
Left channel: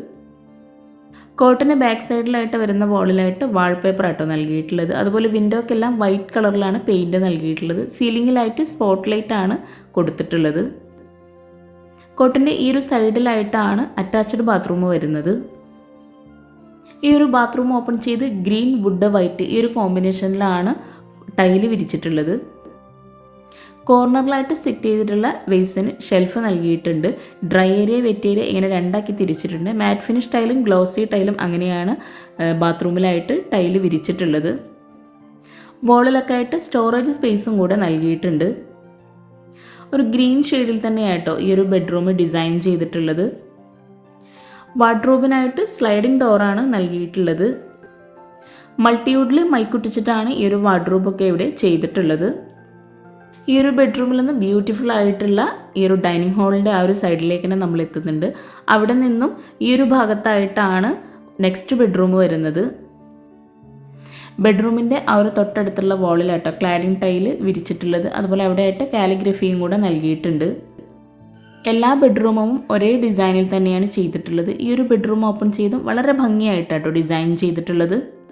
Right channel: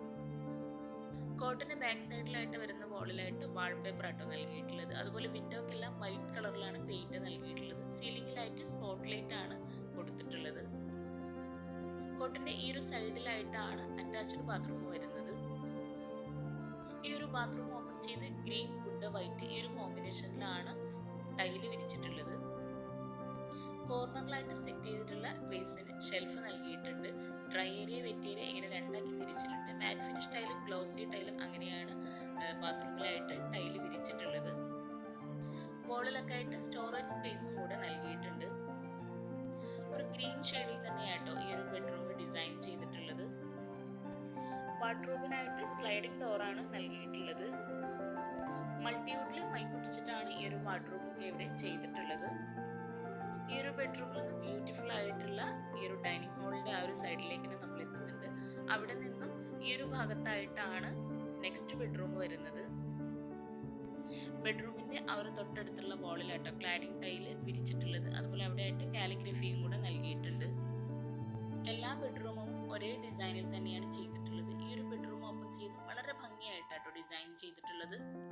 കോട്ടിന് ബാക്ക് സൈഡിലായിട്ട് വരുന്ന വോളിലായിട്ട് വാൾപേപ്പർ ആട്ടോ നൽകിയിട്ടുള്ളത്. അതുപോലെ വിൻഡോക്കെല്ലാം വൈറ്റ് കളറിലാണ് പെയിന്റ് നൽകിയിട്ടുള്ളത്. സീലിങ്ങിലായിട്ട് സ്പോട്ട് ലൈറ്റ് ആണ് കൊടുത്തിട്ടുള്ളത്. കോട്ടിന്റെ ഈ ഒരു സൈഡിലായിട്ടാണ് അറ്റാച്ച്ഡ് ബാത്റൂം വരുന്നത്. ഈ ഒരു ബാത്റൂം ഓപ്പൺ ചെയ്ത് ഗ്രീൻ വുഡ് വൈറ്റ് ഈ ഒരു കോമ്പിനേഷനിലാണ് ടൈൽ വിരിച്ചിട്ടുള്ളത്. കോർണറിലായിട്ട് സെറ്റ് ചെയ്തിട്ടുള്ള വെയ്സിന് ഷെൽഫ് നൽകിയിട്ടുണ്ട്. ഡ്രൈ ഏരിയ വെറ്റ് ഏരിയ ഇങ്ങനെ രണ്ടാക്കി തിരിച്ചിട്ടുണ്ട്. മാറ്റ് ഫിനിഷ് ടൈലും ഗ്ലോസി ടൈലും അങ്ങനെയാണ് ബാത്റൂമിലായിട്ട് ടൈൽ വിരിച്ചിട്ടുള്ളത്. വോളിലൊക്കെ ആയിട്ട് സ്റ്റോറേജ് സ്പേസും കൂടെ നൽകിയിട്ടുണ്ട്. ഒരു ഗ്രീൻ ഷെയ്ഡിൽ തന്നെയായിട്ടോ ഈ ഒരു ബെഡ്റൂം ഡിസൈൻ ചെയ്തിട്ടുള്ളത്. വാർഡ്രോബിനായിട്ട് സ്ലൈഡിംഗ് ഡോറാണ് നൽകിയിട്ടുള്ളത്. മൾട്ടിവുഡിൽ മൈക്കുട്ടിച്ചിട്ടാണ് ഈ ഒരു വാർഡ്രോബൊക്കെ ഇവിടെ ചെയ്തിട്ടുള്ളത്. ഈ ഒരു ബെഡ്റൂമിൽ നിന്ന് ബ്യൂട്ടിഫുൾ ആയിട്ടുള്ള ഈ ഒരു ഡൈനിങ് ഹാളിന്റെ ആ ഒരു സൈഡിലേക്ക് തന്നെ നമ്മൾ എത്തുന്നുണ്ട്. അവിടെ നിന്നും ഈ ഒരു ഭാഗത്തായിട്ടാണ് നെക്സ്റ്റ് ബെഡ്റൂം വരുന്നത്. ബെഡ്റൂമിന്റെ ആ ഒരു തൊട്ടടുത്തുള്ള വാളിലാട്ടോ ക്ലാഡിംഗ് ടൈൽ വിരിച്ചിട്ടുള്ളത്. അതുപോലെ അവിടെയായിട്ട് കാലിഗ്രഫിയും കൂടെ നൽകിയിട്ടുണ്ട്. എല്ലാ ബെഡ്റൂമും ഒരേ ഡിസൈനിൽ തന്നെയാണ് ചെയ്തിട്ടുള്ളത്. ഈ ഒരു ബെഡ്റൂം ഓപ്പൺ ചെയ്തും വളരെ ഭംഗിയായിട്ടാട്ടോ ഡിസൈൻ ചെയ്തിട്ടുള്ളത്.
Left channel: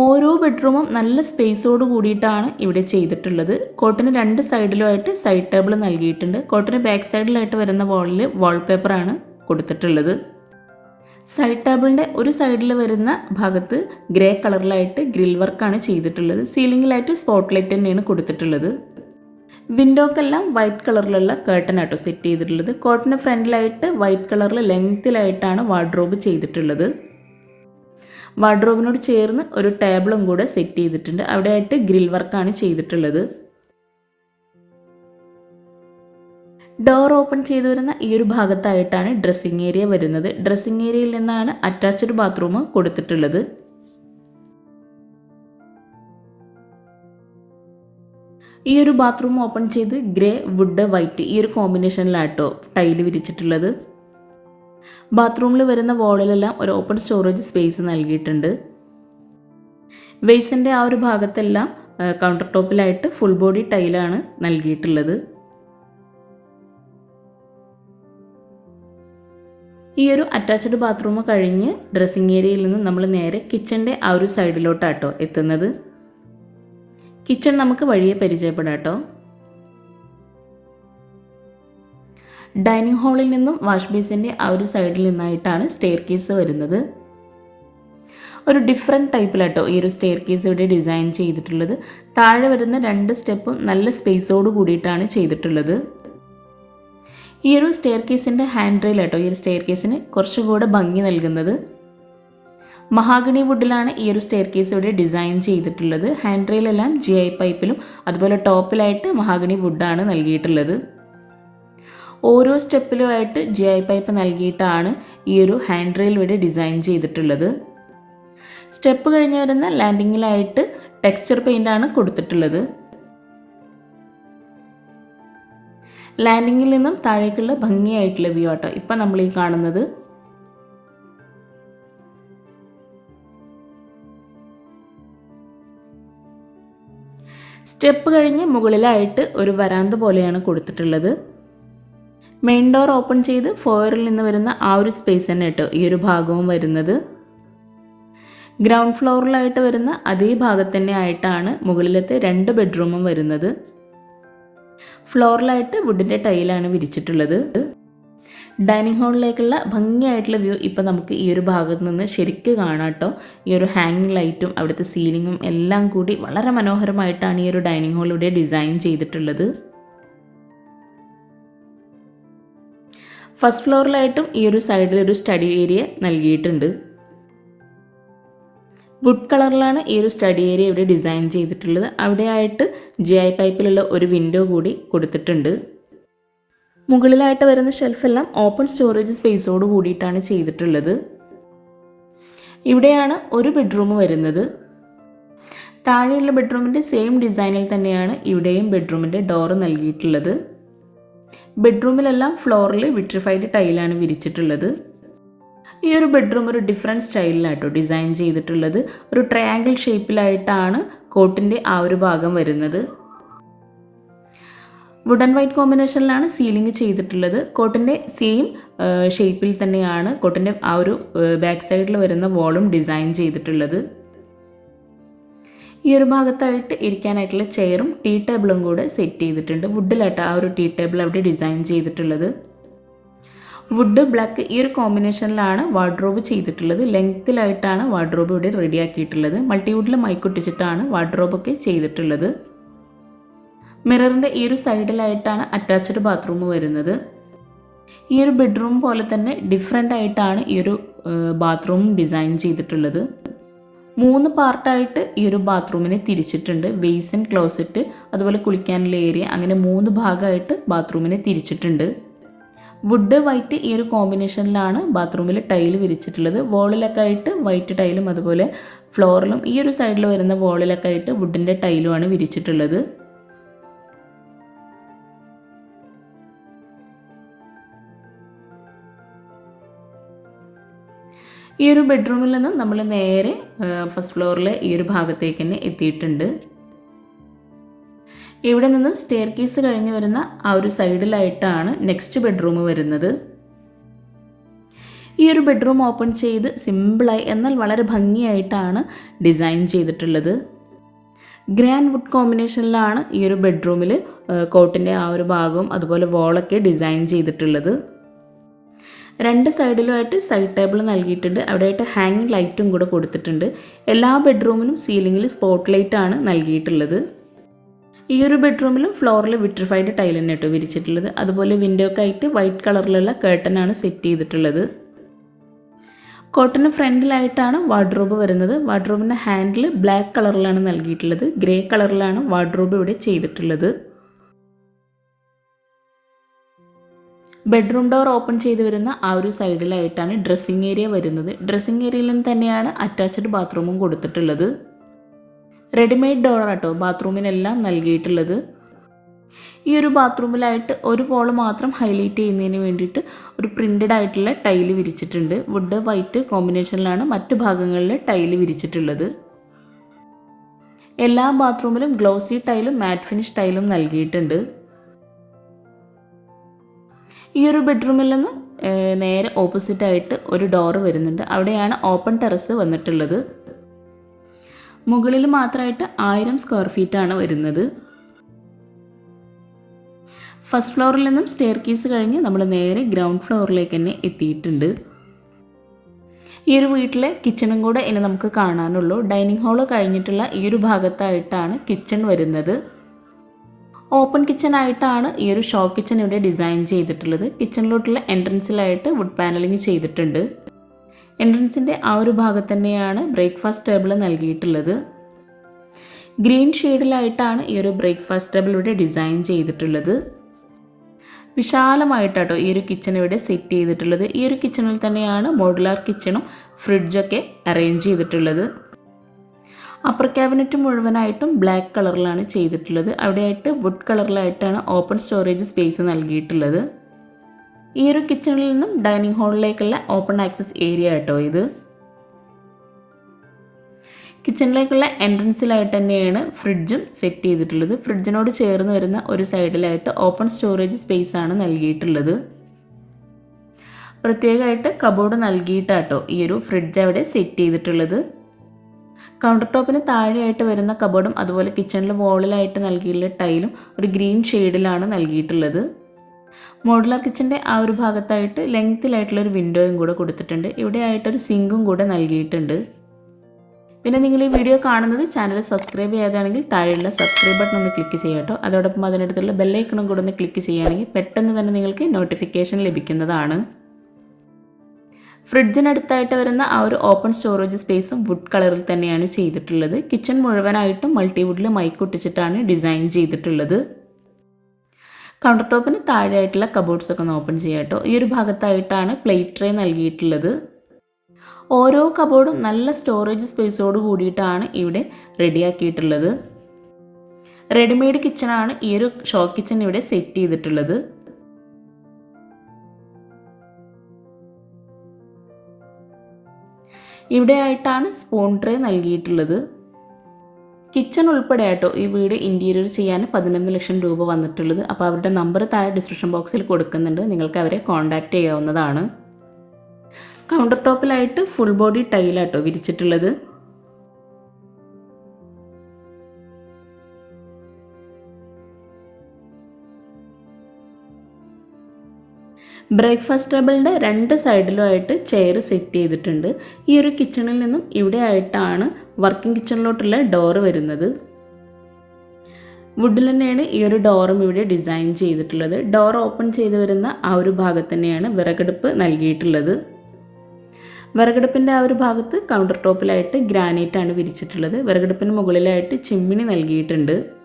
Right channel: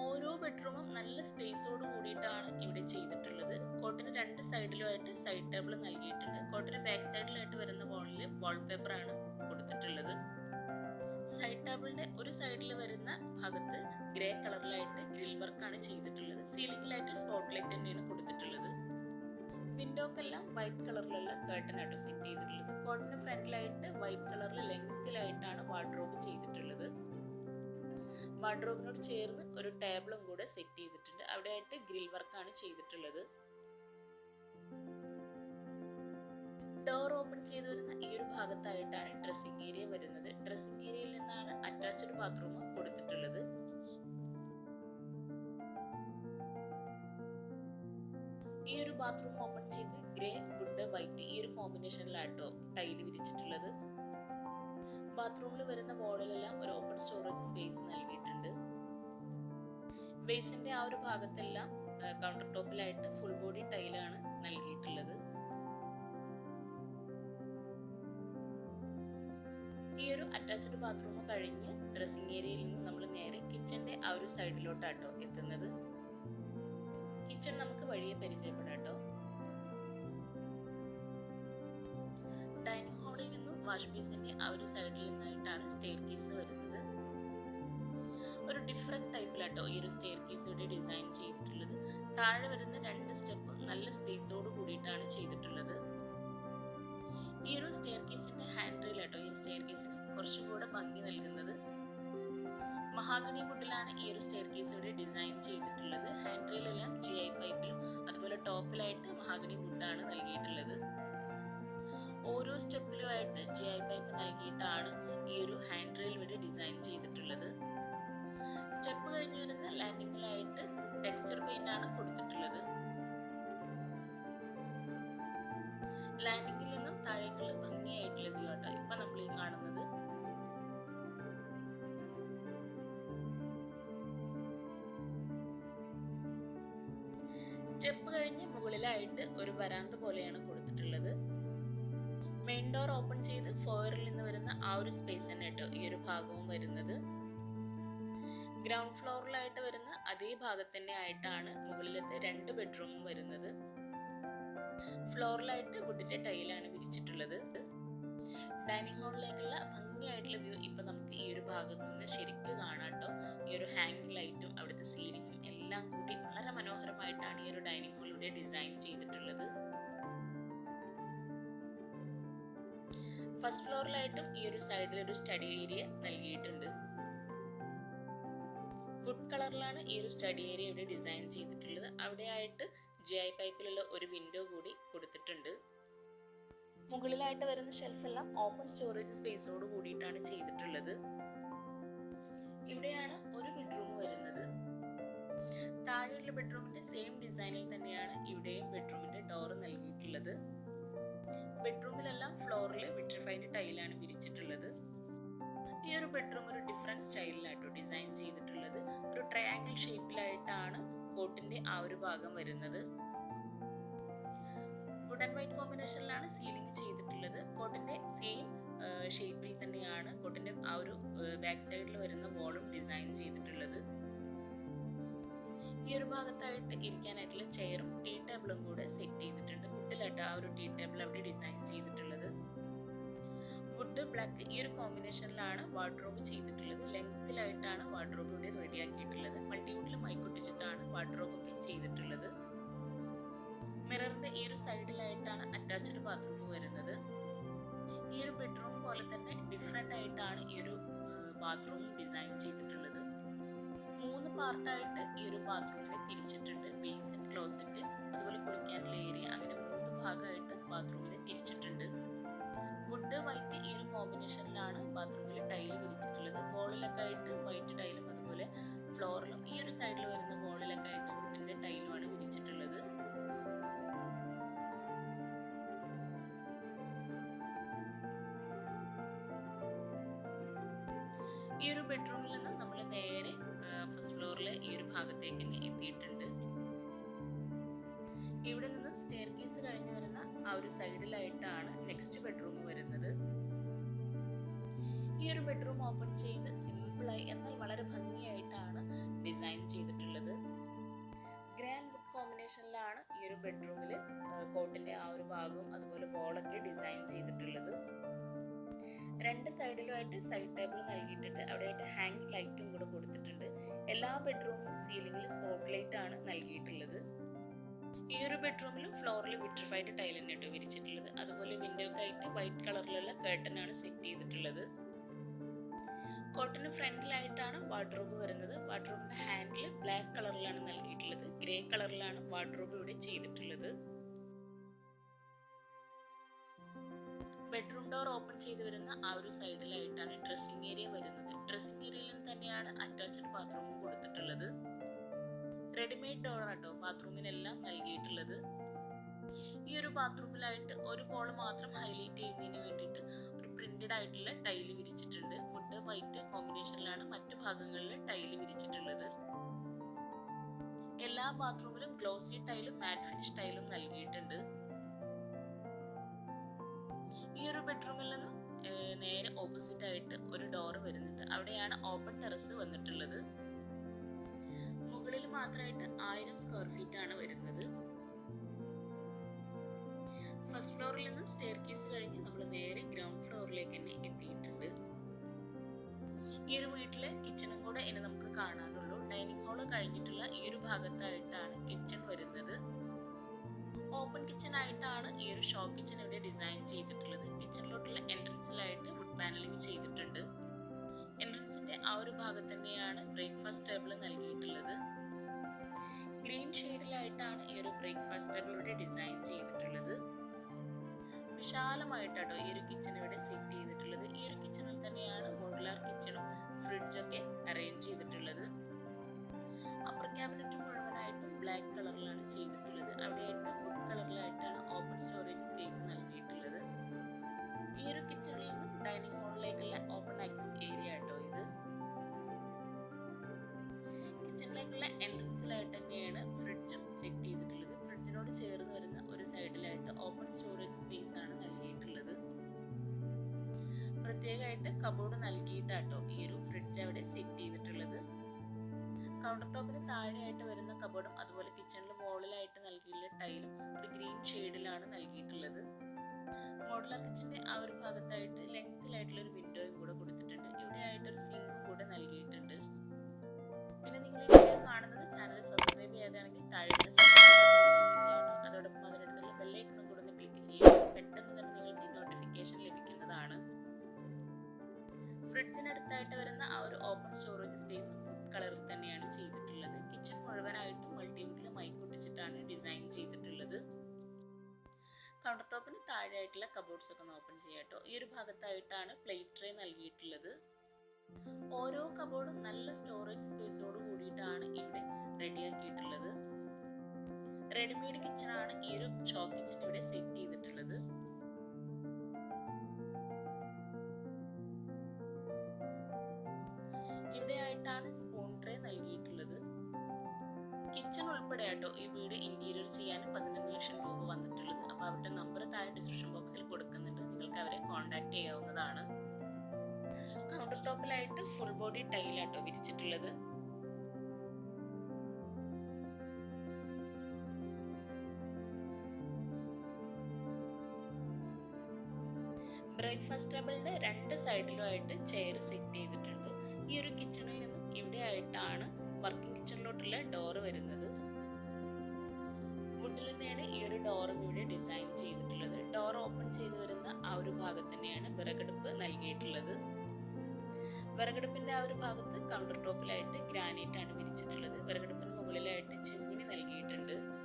ഓരോ ബെഡ്റൂമും നല്ല സ്പേസോട് കൂടിയിട്ടാണ് ഇവിടെ ചെയ്തിട്ടുള്ളത്. കോട്ടിന് രണ്ട് സൈഡിലുമായിട്ട് സൈഡ് ടേബിൾ നൽകിയിട്ടുണ്ട്. കോട്ടിന് ബാക്ക് സൈഡിലായിട്ട് വരുന്ന വാളിൽ വാൾപേപ്പറാണ് കൊടുത്തിട്ടുള്ളത്. സൈഡ് ടേബിളിന്റെ ഒരു സൈഡിൽ വരുന്ന ഭാഗത്ത് ഗ്രേ കളറിലായിട്ട് ഗ്രിൽ വർക്കാണ് ചെയ്തിട്ടുള്ളത്. സീലിംഗിലായിട്ട് സ്പോട്ട് ലൈറ്റ് തന്നെയാണ് കൊടുത്തിട്ടുള്ളത്. വിൻഡോക്കെല്ലാം വൈറ്റ് കളറിലുള്ള കേട്ടൺ ആട്ടോ സെറ്റ് ചെയ്തിട്ടുള്ളത്. കോട്ടിന് ഫ്രണ്ടിലായിട്ട് വൈറ്റ് കളറിൽ ലെങ്ത്തിലായിട്ടാണ് വാർഡ്രോബ് ചെയ്തിട്ടുള്ളത്. വാർഡ്രോബിനോട് ചേർന്ന് ഒരു ടേബിളും കൂടെ സെറ്റ് ചെയ്തിട്ടുണ്ട്. അവിടെയായിട്ട് ഗ്രിൽ വർക്കാണ് ചെയ്തിട്ടുള്ളത്. ഡോർ ഓപ്പൺ ചെയ്തു വരുന്ന ഈ ഒരു ഭാഗത്തായിട്ടാണ് ഡ്രസ്സിംഗ് ഏരിയ വരുന്നത്. ഡ്രസ്സിംഗ് ഏരിയയിൽ നിന്നാണ് അറ്റാച്ച്ഡ് ബാത്റൂം കൊടുത്തിട്ടുള്ളത്. ഈ ഒരു ബാത്റൂം ഓപ്പൺ ചെയ്ത് ഗ്രേ വുഡ് വൈറ്റ് ഈ ഒരു കോമ്പിനേഷനിലാട്ടോ ടൈൽ വിരിച്ചിട്ടുള്ളത്. ബാത്റൂമിൽ വരുന്ന വാളിലെല്ലാം ഒരു ഓപ്പൺ സ്റ്റോറേജ് സ്പേസ് നൽകിയിട്ടുണ്ട്. വെയ്സിന്റെ ആ ഒരു ഭാഗത്തെല്ലാം കൗണ്ടർ ടോപ്പിലായിട്ട് ഫുൾ ബോഡി ടൈലാണ് നൽകിയിട്ടുള്ളത്. ഈ ഒരു അറ്റാച്ച്ഡ് ബാത്റൂം കഴിഞ്ഞ് ഡ്രസ്സിംഗ് ഏരിയയിൽ നിന്ന് നമ്മൾ നേരെ കിച്ചന്റെ ആ ഒരു സൈഡിലോട്ടാട്ടോ എത്തുന്നത്. കിച്ചൺ നമുക്ക് വഴിയെ പരിചയപ്പെടാം ഡൈനിങ് ഹാളിൽ നിന്നും വാഷ് ബേസിന്റെ ആ ഒരു സൈഡിൽ നിന്നായിട്ടാണ് സ്റ്റെയർ കേസ് വരുന്നത്. ഒരു ഡിഫറെന്റ് ടൈപ്പിലാട്ടോ ഈ ഒരു സ്റ്റെയർ കേസ് ഇവിടെ ഡിസൈൻ ചെയ്തിട്ടുള്ളത്. താഴെ വരുന്ന രണ്ട് സ്റ്റെപ്പും നല്ല സ്പേസോട് കൂടിയിട്ടാണ് ചെയ്തിട്ടുള്ളത്. ഈ ഒരു സ്റ്റെയർ കേസിന്റെ ഹാൻഡ് റെയിലാട്ടോ ഈ ഒരു സ്റ്റെയർ കേസിന് കുറച്ചും കൂടെ ഭംഗി നൽകുന്നത്. മഹാഗണി വുഡിലാണ് ഈ ഒരു സ്റ്റെയർ കേസ് ഇവിടെ ഡിസൈൻ ചെയ്തിട്ടുള്ളത്. ഹാൻഡ് റെയിലെല്ലാം ജി ഐ പൈപ്പിലും അതുപോലെ ടോപ്പിലായിട്ട് മഹാഗണി വുഡാണ് നൽകിയിട്ടുള്ളത്. ഓരോ സ്റ്റെപ്പിലുമായിട്ട് ജി ഐ പൈപ്പ് നൽകിയിട്ടാണ് ഈ ഒരു ഹാൻഡ് റെയിൽ വഴി ഡിസൈൻ ചെയ്തിട്ടുള്ളത്. സ്റ്റെപ്പ് കഴിഞ്ഞ് വരുന്ന ലാൻഡിങ്ങിലായിട്ട് ടെക്സ്ചർ പെയിന്റ് ആണ് കൊടുത്തിട്ടുള്ളത്. ലാൻഡിങ്ങിൽ നിന്നും താഴേക്കുള്ള ഭംഗിയായിട്ടുള്ള വ്യൂ ആട്ടോ ഇപ്പം നമ്മൾ ഈ കാണുന്നത്. സ്റ്റെപ്പ് കഴിഞ്ഞ് മുകളിലായിട്ട് ഒരു വരാന്ത പോലെയാണ് കൊടുത്തിട്ടുള്ളത്. മെയിൻ ഡോർ ഓപ്പൺ ചെയ്ത് ഫോയറിൽ നിന്ന് വരുന്ന ആ ഒരു സ്പേസ് തന്നെ കേട്ടോ ഈ ഒരു ഭാഗവും വരുന്നത്. ഗ്രൗണ്ട് ഫ്ലോറിലായിട്ട് വരുന്ന അതേ ഭാഗത്ത് തന്നെ ആയിട്ടാണ് മുകളിലത്തെ രണ്ട് ബെഡ്റൂമും വരുന്നത്. ഫ്ലോറിലായിട്ട് വുഡിന്റെ ടൈലാണ് വിരിച്ചിട്ടുള്ളത്. ഡൈനിങ് ഹാളിലേക്കുള്ള ഭംഗിയായിട്ടുള്ള വ്യൂ ഇപ്പം നമുക്ക് ഈ ഒരു ഭാഗത്ത് നിന്ന് ശരിക്ക് കാണാം കേട്ടോ. ഈ ഒരു ഹാങ്ങിങ് ലൈറ്റും അവിടുത്തെ സീലിങ്ങും എല്ലാം കൂടി വളരെ മനോഹരമായിട്ടാണ് ഈ ഒരു ഡൈനിങ് ഹാൾ ഇവിടെ ഡിസൈൻ ചെയ്തിട്ടുള്ളത്. ഫസ്റ്റ് ഫ്ലോറിലായിട്ടും ഈ ഒരു സൈഡിൽ ഒരു സ്റ്റഡി ഏരിയ നൽകിയിട്ടുണ്ട്. വുഡ് കളറിലാണ് ഈ ഒരു സ്റ്റഡി ഏരിയ ഇവിടെ ഡിസൈൻ ചെയ്തിട്ടുള്ളത്. അവിടെയായിട്ട് ജി ഐ പൈപ്പിലുള്ള ഒരു വിൻഡോ കൂടി കൊടുത്തിട്ടുണ്ട്. മുകളിലായിട്ട് വരുന്ന ഷെൽഫെല്ലാം ഓപ്പൺ സ്റ്റോറേജ് സ്പേസോട് കൂടിയിട്ടാണ് ചെയ്തിട്ടുള്ളത്. ഇവിടെയാണ് ഒരു ബെഡ്റൂം വരുന്നത്. താഴെയുള്ള ബെഡ്റൂമിന്റെ സെയിം ഡിസൈനിൽ തന്നെയാണ് ഇവിടെയും ബെഡ്റൂമിന്റെ ഡോറ് നൽകിയിട്ടുള്ളത്. ബെഡ്റൂമിലെല്ലാം ഫ്ലോറിൽ വിട്രിഫൈഡ് ടൈലാണ് വിരിച്ചിട്ടുള്ളത്. ഈ ഒരു ബെഡ്റൂം ഒരു ഡിഫറെന്റ് സ്റ്റൈലിലാട്ടോ ഡിസൈൻ ചെയ്തിട്ടുള്ളത്. ഒരു ട്രയാങ്കിൾ ഷേപ്പിലായിട്ടാണ് കോട്ടിന്റെ ആ ഒരു ഭാഗം വരുന്നത്. വുഡൻ വൈറ്റ് കോമ്പിനേഷനിലാണ് സീലിംഗ് ചെയ്തിട്ടുള്ളത്. കോട്ടിന്റെ സെയിം ഷേപ്പിൽ തന്നെയാണ് കോട്ടിന്റെ ആ ഒരു ബാക്ക് സൈഡിൽ വരുന്ന വോളും ഡിസൈൻ ചെയ്തിട്ടുള്ളത്. ഈ ഒരു ഭാഗത്തായിട്ട് ഇരിക്കാനായിട്ടുള്ള ചെയറും ടീ ടേബിളും കൂടെ സെറ്റ് ചെയ്തിട്ടുണ്ട്. വുഡിലായിട്ട് ആ ഒരു ടീ ടേബിൾ അവിടെ ഡിസൈൻ ചെയ്തിട്ടുള്ളത്. വുഡ് ബ്ലാക്ക് ഈ ഒരു കോമ്പിനേഷനിലാണ് വാർഡ്രോബ് ചെയ്തിട്ടുള്ളത്. ലെങ്ത്തിലായിട്ടാണ് വാർഡ്രോബ് ഇവിടെ റെഡിയാക്കിയിട്ടുള്ളത് മൾട്ടിവുഡിൽ മൈക്കൊട്ടിച്ചിട്ടാണ് വാർഡ്രോബൊക്കെ ചെയ്തിട്ടുള്ളത്. മിററിന്റെ ഈ ഒരു സൈഡിലായിട്ടാണ് അറ്റാച്ച്ഡ് ബാത്റൂം വരുന്നത്. ഈ ഒരു ബെഡ്റൂം പോലെ തന്നെ ഡിഫറെന്റ് ആയിട്ടാണ് ഈ ഒരു ബാത്റൂം ഡിസൈൻ ചെയ്തിട്ടുള്ളത്. മൂന്ന് പാർട്ടായിട്ട് ഈ ഒരു ബാത്റൂമിനെ തിരിച്ചിട്ടുണ്ട്. ബേസിൻ ക്ലോസറ്റ് അതുപോലെ കുളിക്കാനുള്ള ഏരിയ അങ്ങനെ മൂന്ന് ഭാഗമായിട്ട് ബാത്റൂമിനെ തിരിച്ചിട്ടുണ്ട്. വുഡ് വൈറ്റ് ഈ ഒരു കോമ്പിനേഷനിലാണ് ബാത്റൂമിൽ ടൈൽ വിരിച്ചിട്ടുള്ളത്. വോളിലൊക്കെ ആയിട്ട് വൈറ്റ് ടൈലും അതുപോലെ ഫ്ലോറിലും ഈ ഒരു സൈഡിൽ വരുന്ന വോളിലൊക്കെ ആയിട്ട് വുഡിന്റെ ടൈലുമാണ് വിരിച്ചിട്ടുള്ളത്. ഈ ഒരു ബെഡ്റൂമിൽ നിന്ന് നമ്മൾ നേരെ ഫസ്റ്റ് ഫ്ലോറിലെ ഈ ഒരു ഭാഗത്തേക്ക് തന്നെ എത്തിയിട്ടുണ്ട്. ഇവിടെ നിന്നും സ്റ്റെയർ കേസ് കഴിഞ്ഞ് വരുന്ന ആ ഒരു സൈഡിലായിട്ടാണ് നെക്സ്റ്റ് ബെഡ്റൂം വരുന്നത്. ഈ ഒരു ബെഡ്റൂം ഓപ്പൺ ചെയ്ത് സിമ്പിളായി എന്നാൽ വളരെ ഭംഗിയായിട്ടാണ് ഡിസൈൻ ചെയ്തിട്ടുള്ളത്. ഗ്രാൻഡ് വുഡ് കോമ്പിനേഷനിലാണ് ഈ ഒരു ബെഡ്റൂമിൽ കോട്ടിന്റെ ആ ഒരു ഭാഗവും അതുപോലെ വോളൊക്കെ ഡിസൈൻ ചെയ്തിട്ടുള്ളത്. രണ്ട് സൈഡിലുമായിട്ട് സൈഡ് ടേബിൾ നൽകിയിട്ടുണ്ട്. അവിടെയായിട്ട് ഹാങ്ങിങ് ലൈറ്റും കൂടെ കൊടുത്തിട്ടുണ്ട്. എല്ലാ ബെഡ്റൂമിലും സീലിങ്ങിൽ സ്പോട്ട് ലൈറ്റാണ് നൽകിയിട്ടുള്ളത്. ഈ ഒരു ബെഡ്റൂമിലും ഫ്ലോറിൽ വിട്രിഫൈഡ് ടൈൽ തന്നെ കേട്ടോ വിരിച്ചിട്ടുള്ളത്. അതുപോലെ വിൻഡോക്ക് ആയിട്ട് വൈറ്റ് കളറിലുള്ള കേട്ടനാണ് സെറ്റ് ചെയ്തിട്ടുള്ളത്. കോട്ടന് ഫ്രണ്ടിലായിട്ടാണ് വാർഡ്രോബ് വരുന്നത്. വാർഡ്രോബിന്റെ ഹാൻഡിൽ ബ്ലാക്ക് കളറിലാണ് നൽകിയിട്ടുള്ളത്. ഗ്രേ കളറിലാണ് വാർഡ്രോബ് ഇവിടെ ചെയ്തിട്ടുള്ളത്. ബെഡ്റൂം ഡോർ ഓപ്പൺ ചെയ്ത് വരുന്ന ആ ഒരു സൈഡിലായിട്ടാണ് ഡ്രസ്സിംഗ് ഏരിയ വരുന്നത്. ഡ്രസ്സിംഗ് ഏരിയയിൽ നിന്ന് തന്നെയാണ് അറ്റാച്ച്ഡ് ബാത്റൂമും കൊടുത്തിട്ടുള്ളത്. റെഡിമെയ്ഡ് ഡോറാട്ടോ ബാത്റൂമിനെല്ലാം നൽകിയിട്ടുള്ളത്. ഈ ഒരു ബാത്റൂമിലായിട്ട് ഒരു പോൾ മാത്രം ഹൈലൈറ്റ് ചെയ്യുന്നതിന് വേണ്ടിയിട്ട് ഒരു പ്രിന്റഡ് ആയിട്ടുള്ള ടൈൽ വിരിച്ചിട്ടുണ്ട്. വുഡ് വൈറ്റ് കോമ്പിനേഷനിലാണ് മറ്റ് ഭാഗങ്ങളിൽ ടൈൽ വിരിച്ചിട്ടുള്ളത്. എല്ലാ ബാത്റൂമിലും ഗ്ലോസി ടൈലും മാറ്റ് ഫിനിഷ് ടൈലും നൽകിയിട്ടുണ്ട്. ഈ ഒരു ബെഡ്റൂമിൽ നിന്ന് നേരെ ഓപ്പോസിറ്റായിട്ട് ഒരു ഡോറ് വരുന്നുണ്ട്. അവിടെയാണ് ഓപ്പൺ ടെറസ് വന്നിട്ടുള്ളത്. മുകളിൽ മാത്രമായിട്ട് ആയിരം സ്ക്വയർ ഫീറ്റാണ് വരുന്നത്. ഫസ്റ്റ് ഫ്ലോറിൽ നിന്നും സ്റ്റെയർ കീസ് കഴിഞ്ഞ് നമ്മൾ നേരെ ഗ്രൗണ്ട് ഫ്ലോറിലേക്ക് തന്നെ എത്തിയിട്ടുണ്ട്. ഈ ഒരു വീട്ടിലെ കിച്ചണും കൂടെ ഇനി നമുക്ക് കാണാനുള്ളൂ. ഡൈനിങ് ഹാൾ കഴിഞ്ഞിട്ടുള്ള ഈ ഒരു ഭാഗത്തായിട്ടാണ് കിച്ചൺ വരുന്നത്. ഓപ്പൺ കിച്ചൺ ആയിട്ടാണ് ഈ ഒരു ഷോ കിച്ചൺ ഇവിടെ ഡിസൈൻ ചെയ്തിട്ടുള്ളത്. കിച്ചണിലോട്ടുള്ള എൻട്രൻസിലായിട്ട് വുഡ് പാനലിംഗ് ചെയ്തിട്ടുണ്ട്. എൻട്രൻസിന്റെ ആ ഒരു ഭാഗത്ത് തന്നെയാണ് ബ്രേക്ക്ഫാസ്റ്റ് ടേബിൾ നൽകിയിട്ടുള്ളത്. ഗ്രീൻ ഷെയ്ഡിലായിട്ടാണ് ഈ ഒരു ബ്രേക്ക്ഫാസ്റ്റ് ടേബിൾ ഇവിടെ ഡിസൈൻ ചെയ്തിട്ടുള്ളത്. വിശാലമായിട്ടാട്ടോ ഈ ഒരു കിച്ചൺ ഇവിടെ സെറ്റ് ചെയ്തിട്ടുള്ളത്. ഈ ഒരു കിച്ചണിൽ തന്നെയാണ് മോഡുലാർ കിച്ചണും ഫ്രിഡ്ജൊക്കെ അറേഞ്ച് ചെയ്തിട്ടുള്ളത്. അപ്പർ ക്യാബിനറ്റ് മുഴുവനായിട്ടും ബ്ലാക്ക് കളറിലാണ് ചെയ്തിട്ടുള്ളത്. അവിടെയായിട്ട് വുഡ് കളറിലായിട്ടാണ് ഓപ്പൺ സ്റ്റോറേജ് സ്പേസ് നൽകിയിട്ടുള്ളത്. ഈ ഒരു കിച്ചണിൽ നിന്നും ഡൈനിങ് ഹാളിലേക്കുള്ള ഓപ്പൺ ആക്സസ് ഏരിയ ആട്ടോ ഇത്. കിച്ചണിലേക്കുള്ള എൻട്രൻസിലായിട്ട് തന്നെയാണ് ഫ്രിഡ്ജും സെറ്റ് ചെയ്തിട്ടുള്ളത്. ഫ്രിഡ്ജിനോട് ചേർന്ന് വരുന്ന ഒരു സൈഡിലായിട്ട് ഓപ്പൺ സ്റ്റോറേജ് സ്പേസ് ആണ് നൽകിയിട്ടുള്ളത്. പ്രത്യേകമായിട്ട് കബോർഡ് നൽകിയിട്ടാട്ടോ ഈ ഒരു ഫ്രിഡ്ജ് അവിടെ സെറ്റ് ചെയ്തിട്ടുള്ളത്. കൗണ്ടർ ടോപ്പിന് താഴെയായിട്ട് വരുന്ന കബോർഡും അതുപോലെ കിച്ചണിൽ വോളിലായിട്ട് നൽകിയിട്ടുള്ള ടൈലും ഒരു ഗ്രീൻ ഷെയ്ഡിലാണ് നൽകിയിട്ടുള്ളത്. മോഡുലാർ കിച്ചന്റെ ആ ഒരു ഭാഗത്തായിട്ട് ലെങ്ത്തിലായിട്ടുള്ള ഒരു വിൻഡോയും കൂടെ കൊടുത്തിട്ടുണ്ട്. ഇവിടെ ആയിട്ടൊരു സിങ്കും കൂടെ നൽകിയിട്ടുണ്ട്. പിന്നെ നിങ്ങൾ ഈ വീഡിയോ കാണുന്നത് ചാനൽ സബ്സ്ക്രൈബ് ചെയ്യാതാണെങ്കിൽ താഴെയുള്ള സബ്സ്ക്രൈബ് ബട്ടൺ ഒന്ന് ക്ലിക്ക് ചെയ്യാം കേട്ടോ. അതോടൊപ്പം അതിനടുത്തുള്ള ബെല്ലൈക്കണും കൂടെ ഒന്ന് ക്ലിക്ക് ചെയ്യുകയാണെങ്കിൽ പെട്ടെന്ന് തന്നെ നിങ്ങൾക്ക് നോട്ടിഫിക്കേഷൻ ലഭിക്കുന്നതാണ്. ഫ്രിഡ്ജിനടുത്തായിട്ട് വരുന്ന ആ ഒരു ഓപ്പൺ സ്റ്റോറേജ് സ്പേസും വുഡ് കളറിൽ തന്നെയാണ് ചെയ്തിട്ടുള്ളത്. കിച്ചൺ മുഴുവനായിട്ടും മൾട്ടിവുഡിൽ മൈക്കൊട്ടിച്ചിട്ടാണ് ഡിസൈൻ ചെയ്തിട്ടുള്ളത്. കൗണ്ടർ ടോപ്പിന് താഴെയായിട്ടുള്ള കബോർഡ്സ് ഒക്കെ ഒന്ന് ഓപ്പൺ ചെയ്യാം ഈ ഒരു ഭാഗത്തായിട്ടാണ് പ്ലേറ്റ് ട്രേ നൽകിയിട്ടുള്ളത്. ഓരോ കബോർഡും നല്ല സ്റ്റോറേജ് സ്പേസോട് കൂടിയിട്ടാണ് ഇവിടെ റെഡിയാക്കിയിട്ടുള്ളത്. റെഡിമെയ്ഡ് കിച്ചണാണ് ഈ ഒരു ഷോ കിച്ചൺ ഇവിടെ സെറ്റ് ചെയ്തിട്ടുള്ളത്. ഇവിടെ ആയിട്ടാണ് സ്പൂൺ ട്രേ നൽകിയിട്ടുള്ളത്. കിച്ചൺ ഉൾപ്പെടെ ആയിട്ടോ ഈ വീട് ഇന്റീരിയർ ചെയ്യാൻ പതിനൊന്ന് ലക്ഷം രൂപ വന്നിട്ടുള്ളത്. അപ്പോൾ അവരുടെ നമ്പർ താഴെ ഡിസ്ക്രിപ്ഷൻ ബോക്സിൽ കൊടുക്കുന്നുണ്ട്. നിങ്ങൾക്ക് അവരെ കോൺടാക്റ്റ് ചെയ്യാവുന്നതാണ്. കൗണ്ടർ ടോപ്പിലായിട്ട് ഫുൾ ബോഡി ടൈലാട്ടോ വിരിച്ചിട്ടുള്ളത്. ബ്രേക്ക്ഫാസ്റ്റ് ടേബിളിന്റെ രണ്ട് സൈഡിലുമായിട്ട് ചെയർ സെറ്റ് ചെയ്തിട്ടുണ്ട്. ഈ ഒരു കിച്ചണിൽ നിന്നും ഇവിടെ ആയിട്ടാണ് വർക്കിംഗ് കിച്ചണിലോട്ടുള്ള ഡോറ് വരുന്നത്. വുഡിൽ തന്നെയാണ് ഈ ഒരു ഡോറും ഇവിടെ ഡിസൈൻ ചെയ്തിട്ടുള്ളത്. ഡോർ ഓപ്പൺ ചെയ്ത് വരുന്ന ആ ഒരു ഭാഗത്ത് തന്നെയാണ് വിറകടുപ്പ് നൽകിയിട്ടുള്ളത്. വിറകടുപ്പിന്റെ ആ ഒരു ഭാഗത്ത് കൗണ്ടർ ടോപ്പിലായിട്ട് ഗ്രാനൈറ്റാണ് വിരിച്ചിട്ടുള്ളത്. വിറകടുപ്പിന് മുകളിലായിട്ട് ചിമ്മിണി നൽകിയിട്ടുണ്ട്.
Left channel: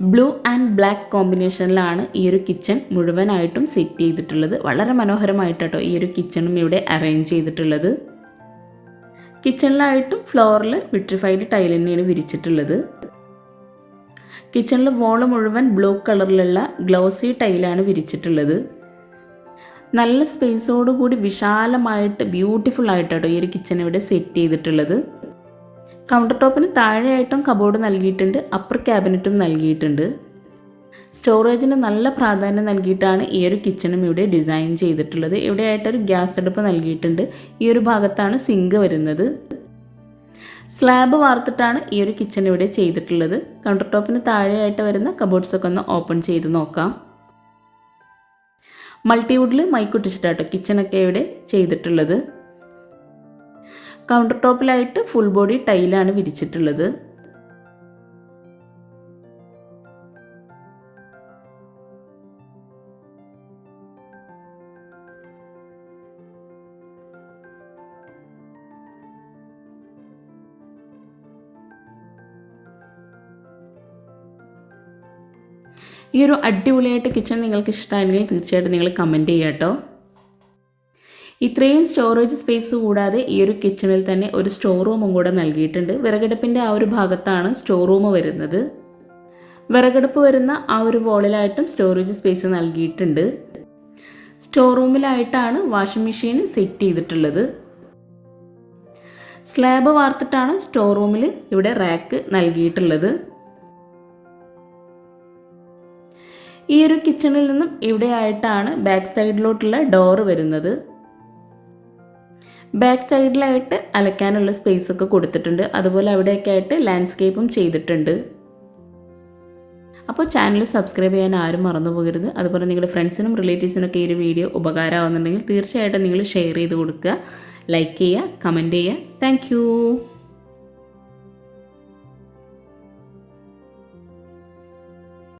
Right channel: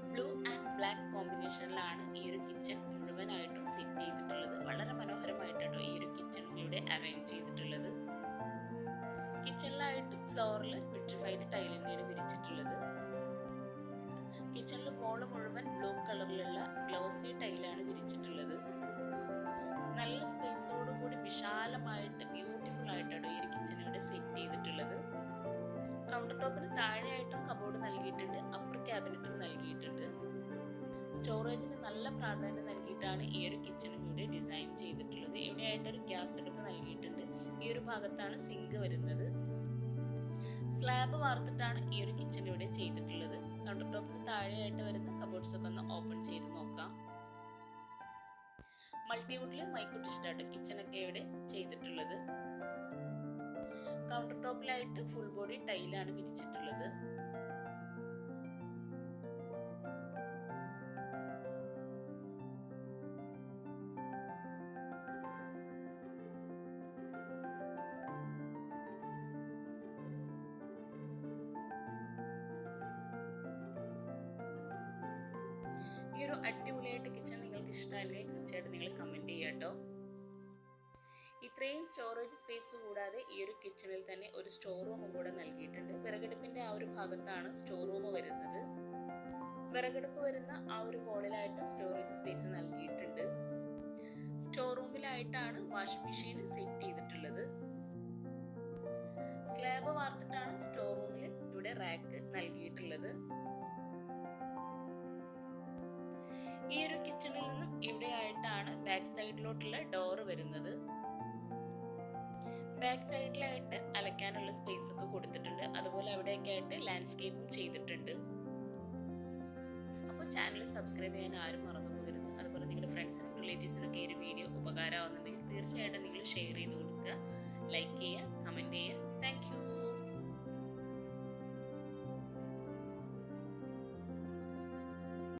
ബ്ലൂ ആൻഡ് ബ്ലാക്ക് കോമ്പിനേഷനിലാണ് ഈ ഒരു കിച്ചൺ മുഴുവനായിട്ടും സെറ്റ് ചെയ്തിട്ടുള്ളത്. വളരെ മനോഹരമായിട്ടോ ഈ ഒരു കിച്ചണും ഇവിടെ അറേഞ്ച് ചെയ്തിട്ടുള്ളത്. കിച്ചണിലായിട്ടും ഫ്ലോറിൽ വിട്രിഫൈഡ് ടൈൽ തന്നെയാണ് വിരിച്ചിട്ടുള്ളത്. കിച്ചണിൽ വോൾ മുഴുവൻ ബ്ലൂ കളറിലുള്ള ഗ്ലോസി ടൈലാണ് വിരിച്ചിട്ടുള്ളത്. നല്ല സ്പേസോടുകൂടി വിശാലമായിട്ട് ബ്യൂട്ടിഫുൾ ആയിട്ടോ ഈ ഒരു കിച്ചൺ ഇവിടെ സെറ്റ് ചെയ്തിട്ടുള്ളത്. കൗണ്ടർ ടോപ്പിന് താഴെയായിട്ടും കബോർഡ് നൽകിയിട്ടുണ്ട് അപ്പർ ക്യാബിനറ്റും നൽകിയിട്ടുണ്ട്. സ്റ്റോറേജിന് നല്ല പ്രാധാന്യം നൽകിയിട്ടാണ് ഈ ഒരു കിച്ചണും ഇവിടെ ഡിസൈൻ ചെയ്തിട്ടുള്ളത്. ഇവിടെ ആയിട്ടൊരു ഗ്യാസ് അടുപ്പ് നൽകിയിട്ടുണ്ട്. ഈ ഒരു ഭാഗത്താണ് സിങ്ക് വരുന്നത്. സ്ലാബ് വാർത്തിട്ടാണ് ഈ ഒരു കിച്ചൺ ഇവിടെ ചെയ്തിട്ടുള്ളത്. കൗണ്ടർ ടോപ്പിന് താഴെയായിട്ട് വരുന്ന കബോർഡ്സ് ഒക്കെ ഒന്ന് ഓപ്പൺ ചെയ്ത് നോക്കാം. മൾട്ടിവുഡിൽ മൈക്കുട്ടിച്ചിട്ടാട്ടോ കിച്ചണൊക്കെ ഇവിടെ ചെയ്തിട്ടുള്ളത്. കൗണ്ടർ ടോപ്പിലായിട്ട് ഫുൾ ബോഡി ടൈലാണ് വിരിച്ചിട്ടുള്ളത്. ഈ ഒരു അടിപൊളിയായിട്ട് കിച്ചൺ നിങ്ങൾക്ക് ഇഷ്ടമാണെങ്കിൽ തീർച്ചയായിട്ടും നിങ്ങൾ കമന്റ് ചെയ്യാം കേട്ടോ ഇത്രയും സ്റ്റോറേജ് സ്പേസ് കൂടാതെ ഈ ഒരു കിച്ചണിൽ തന്നെ ഒരു സ്റ്റോർ റൂമും കൂടെ നൽകിയിട്ടുണ്ട്. വിറകടുപ്പിന്റെ ആ ഒരു ഭാഗത്താണ് സ്റ്റോർ റൂം വരുന്നത്. വിറകടുപ്പ് വരുന്ന ആ ഒരു വോളിലായിട്ടും സ്റ്റോറേജ് സ്പേസ് നൽകിയിട്ടുണ്ട്. സ്റ്റോർ റൂമിലായിട്ടാണ് വാഷിംഗ് മെഷീൻ സെറ്റ് ചെയ്തിട്ടുള്ളത്. സ്ലാബ് വാർത്തിട്ടാണ് സ്റ്റോർ റൂമിൽ ഇവിടെ റാക്ക് നൽകിയിട്ടുള്ളത്. ഈ ഒരു കിച്ചണിൽ നിന്നും ഇവിടെ ആയിട്ടാണ് ബാക്ക് സൈഡിലോട്ടുള്ള ഡോറ് വരുന്നത്. ബാക്ക് സൈഡിലായിട്ട് അലക്കാനുള്ള സ്പേസ് ഒക്കെ കൊടുത്തിട്ടുണ്ട്. അതുപോലെ അവിടെയൊക്കെ ആയിട്ട് ലാൻഡ്സ്കേപ്പും ചെയ്തിട്ടുണ്ട്. അപ്പോൾ ചാനൽ സബ്സ്ക്രൈബ് ചെയ്യാൻ ആരും മറന്നു പോകരുത്. അതുപോലെ നിങ്ങളുടെ ഫ്രണ്ട്സിനും റിലേറ്റീവ്സിനൊക്കെ ഈ ഒരു വീഡിയോ ഉപകാരമാകുന്നുണ്ടെങ്കിൽ തീർച്ചയായിട്ടും നിങ്ങൾ ഷെയർ ചെയ്ത് കൊടുക്കുക. ലൈക്ക് ചെയ്യുക കമന്റ് ചെയ്യുക. താങ്ക്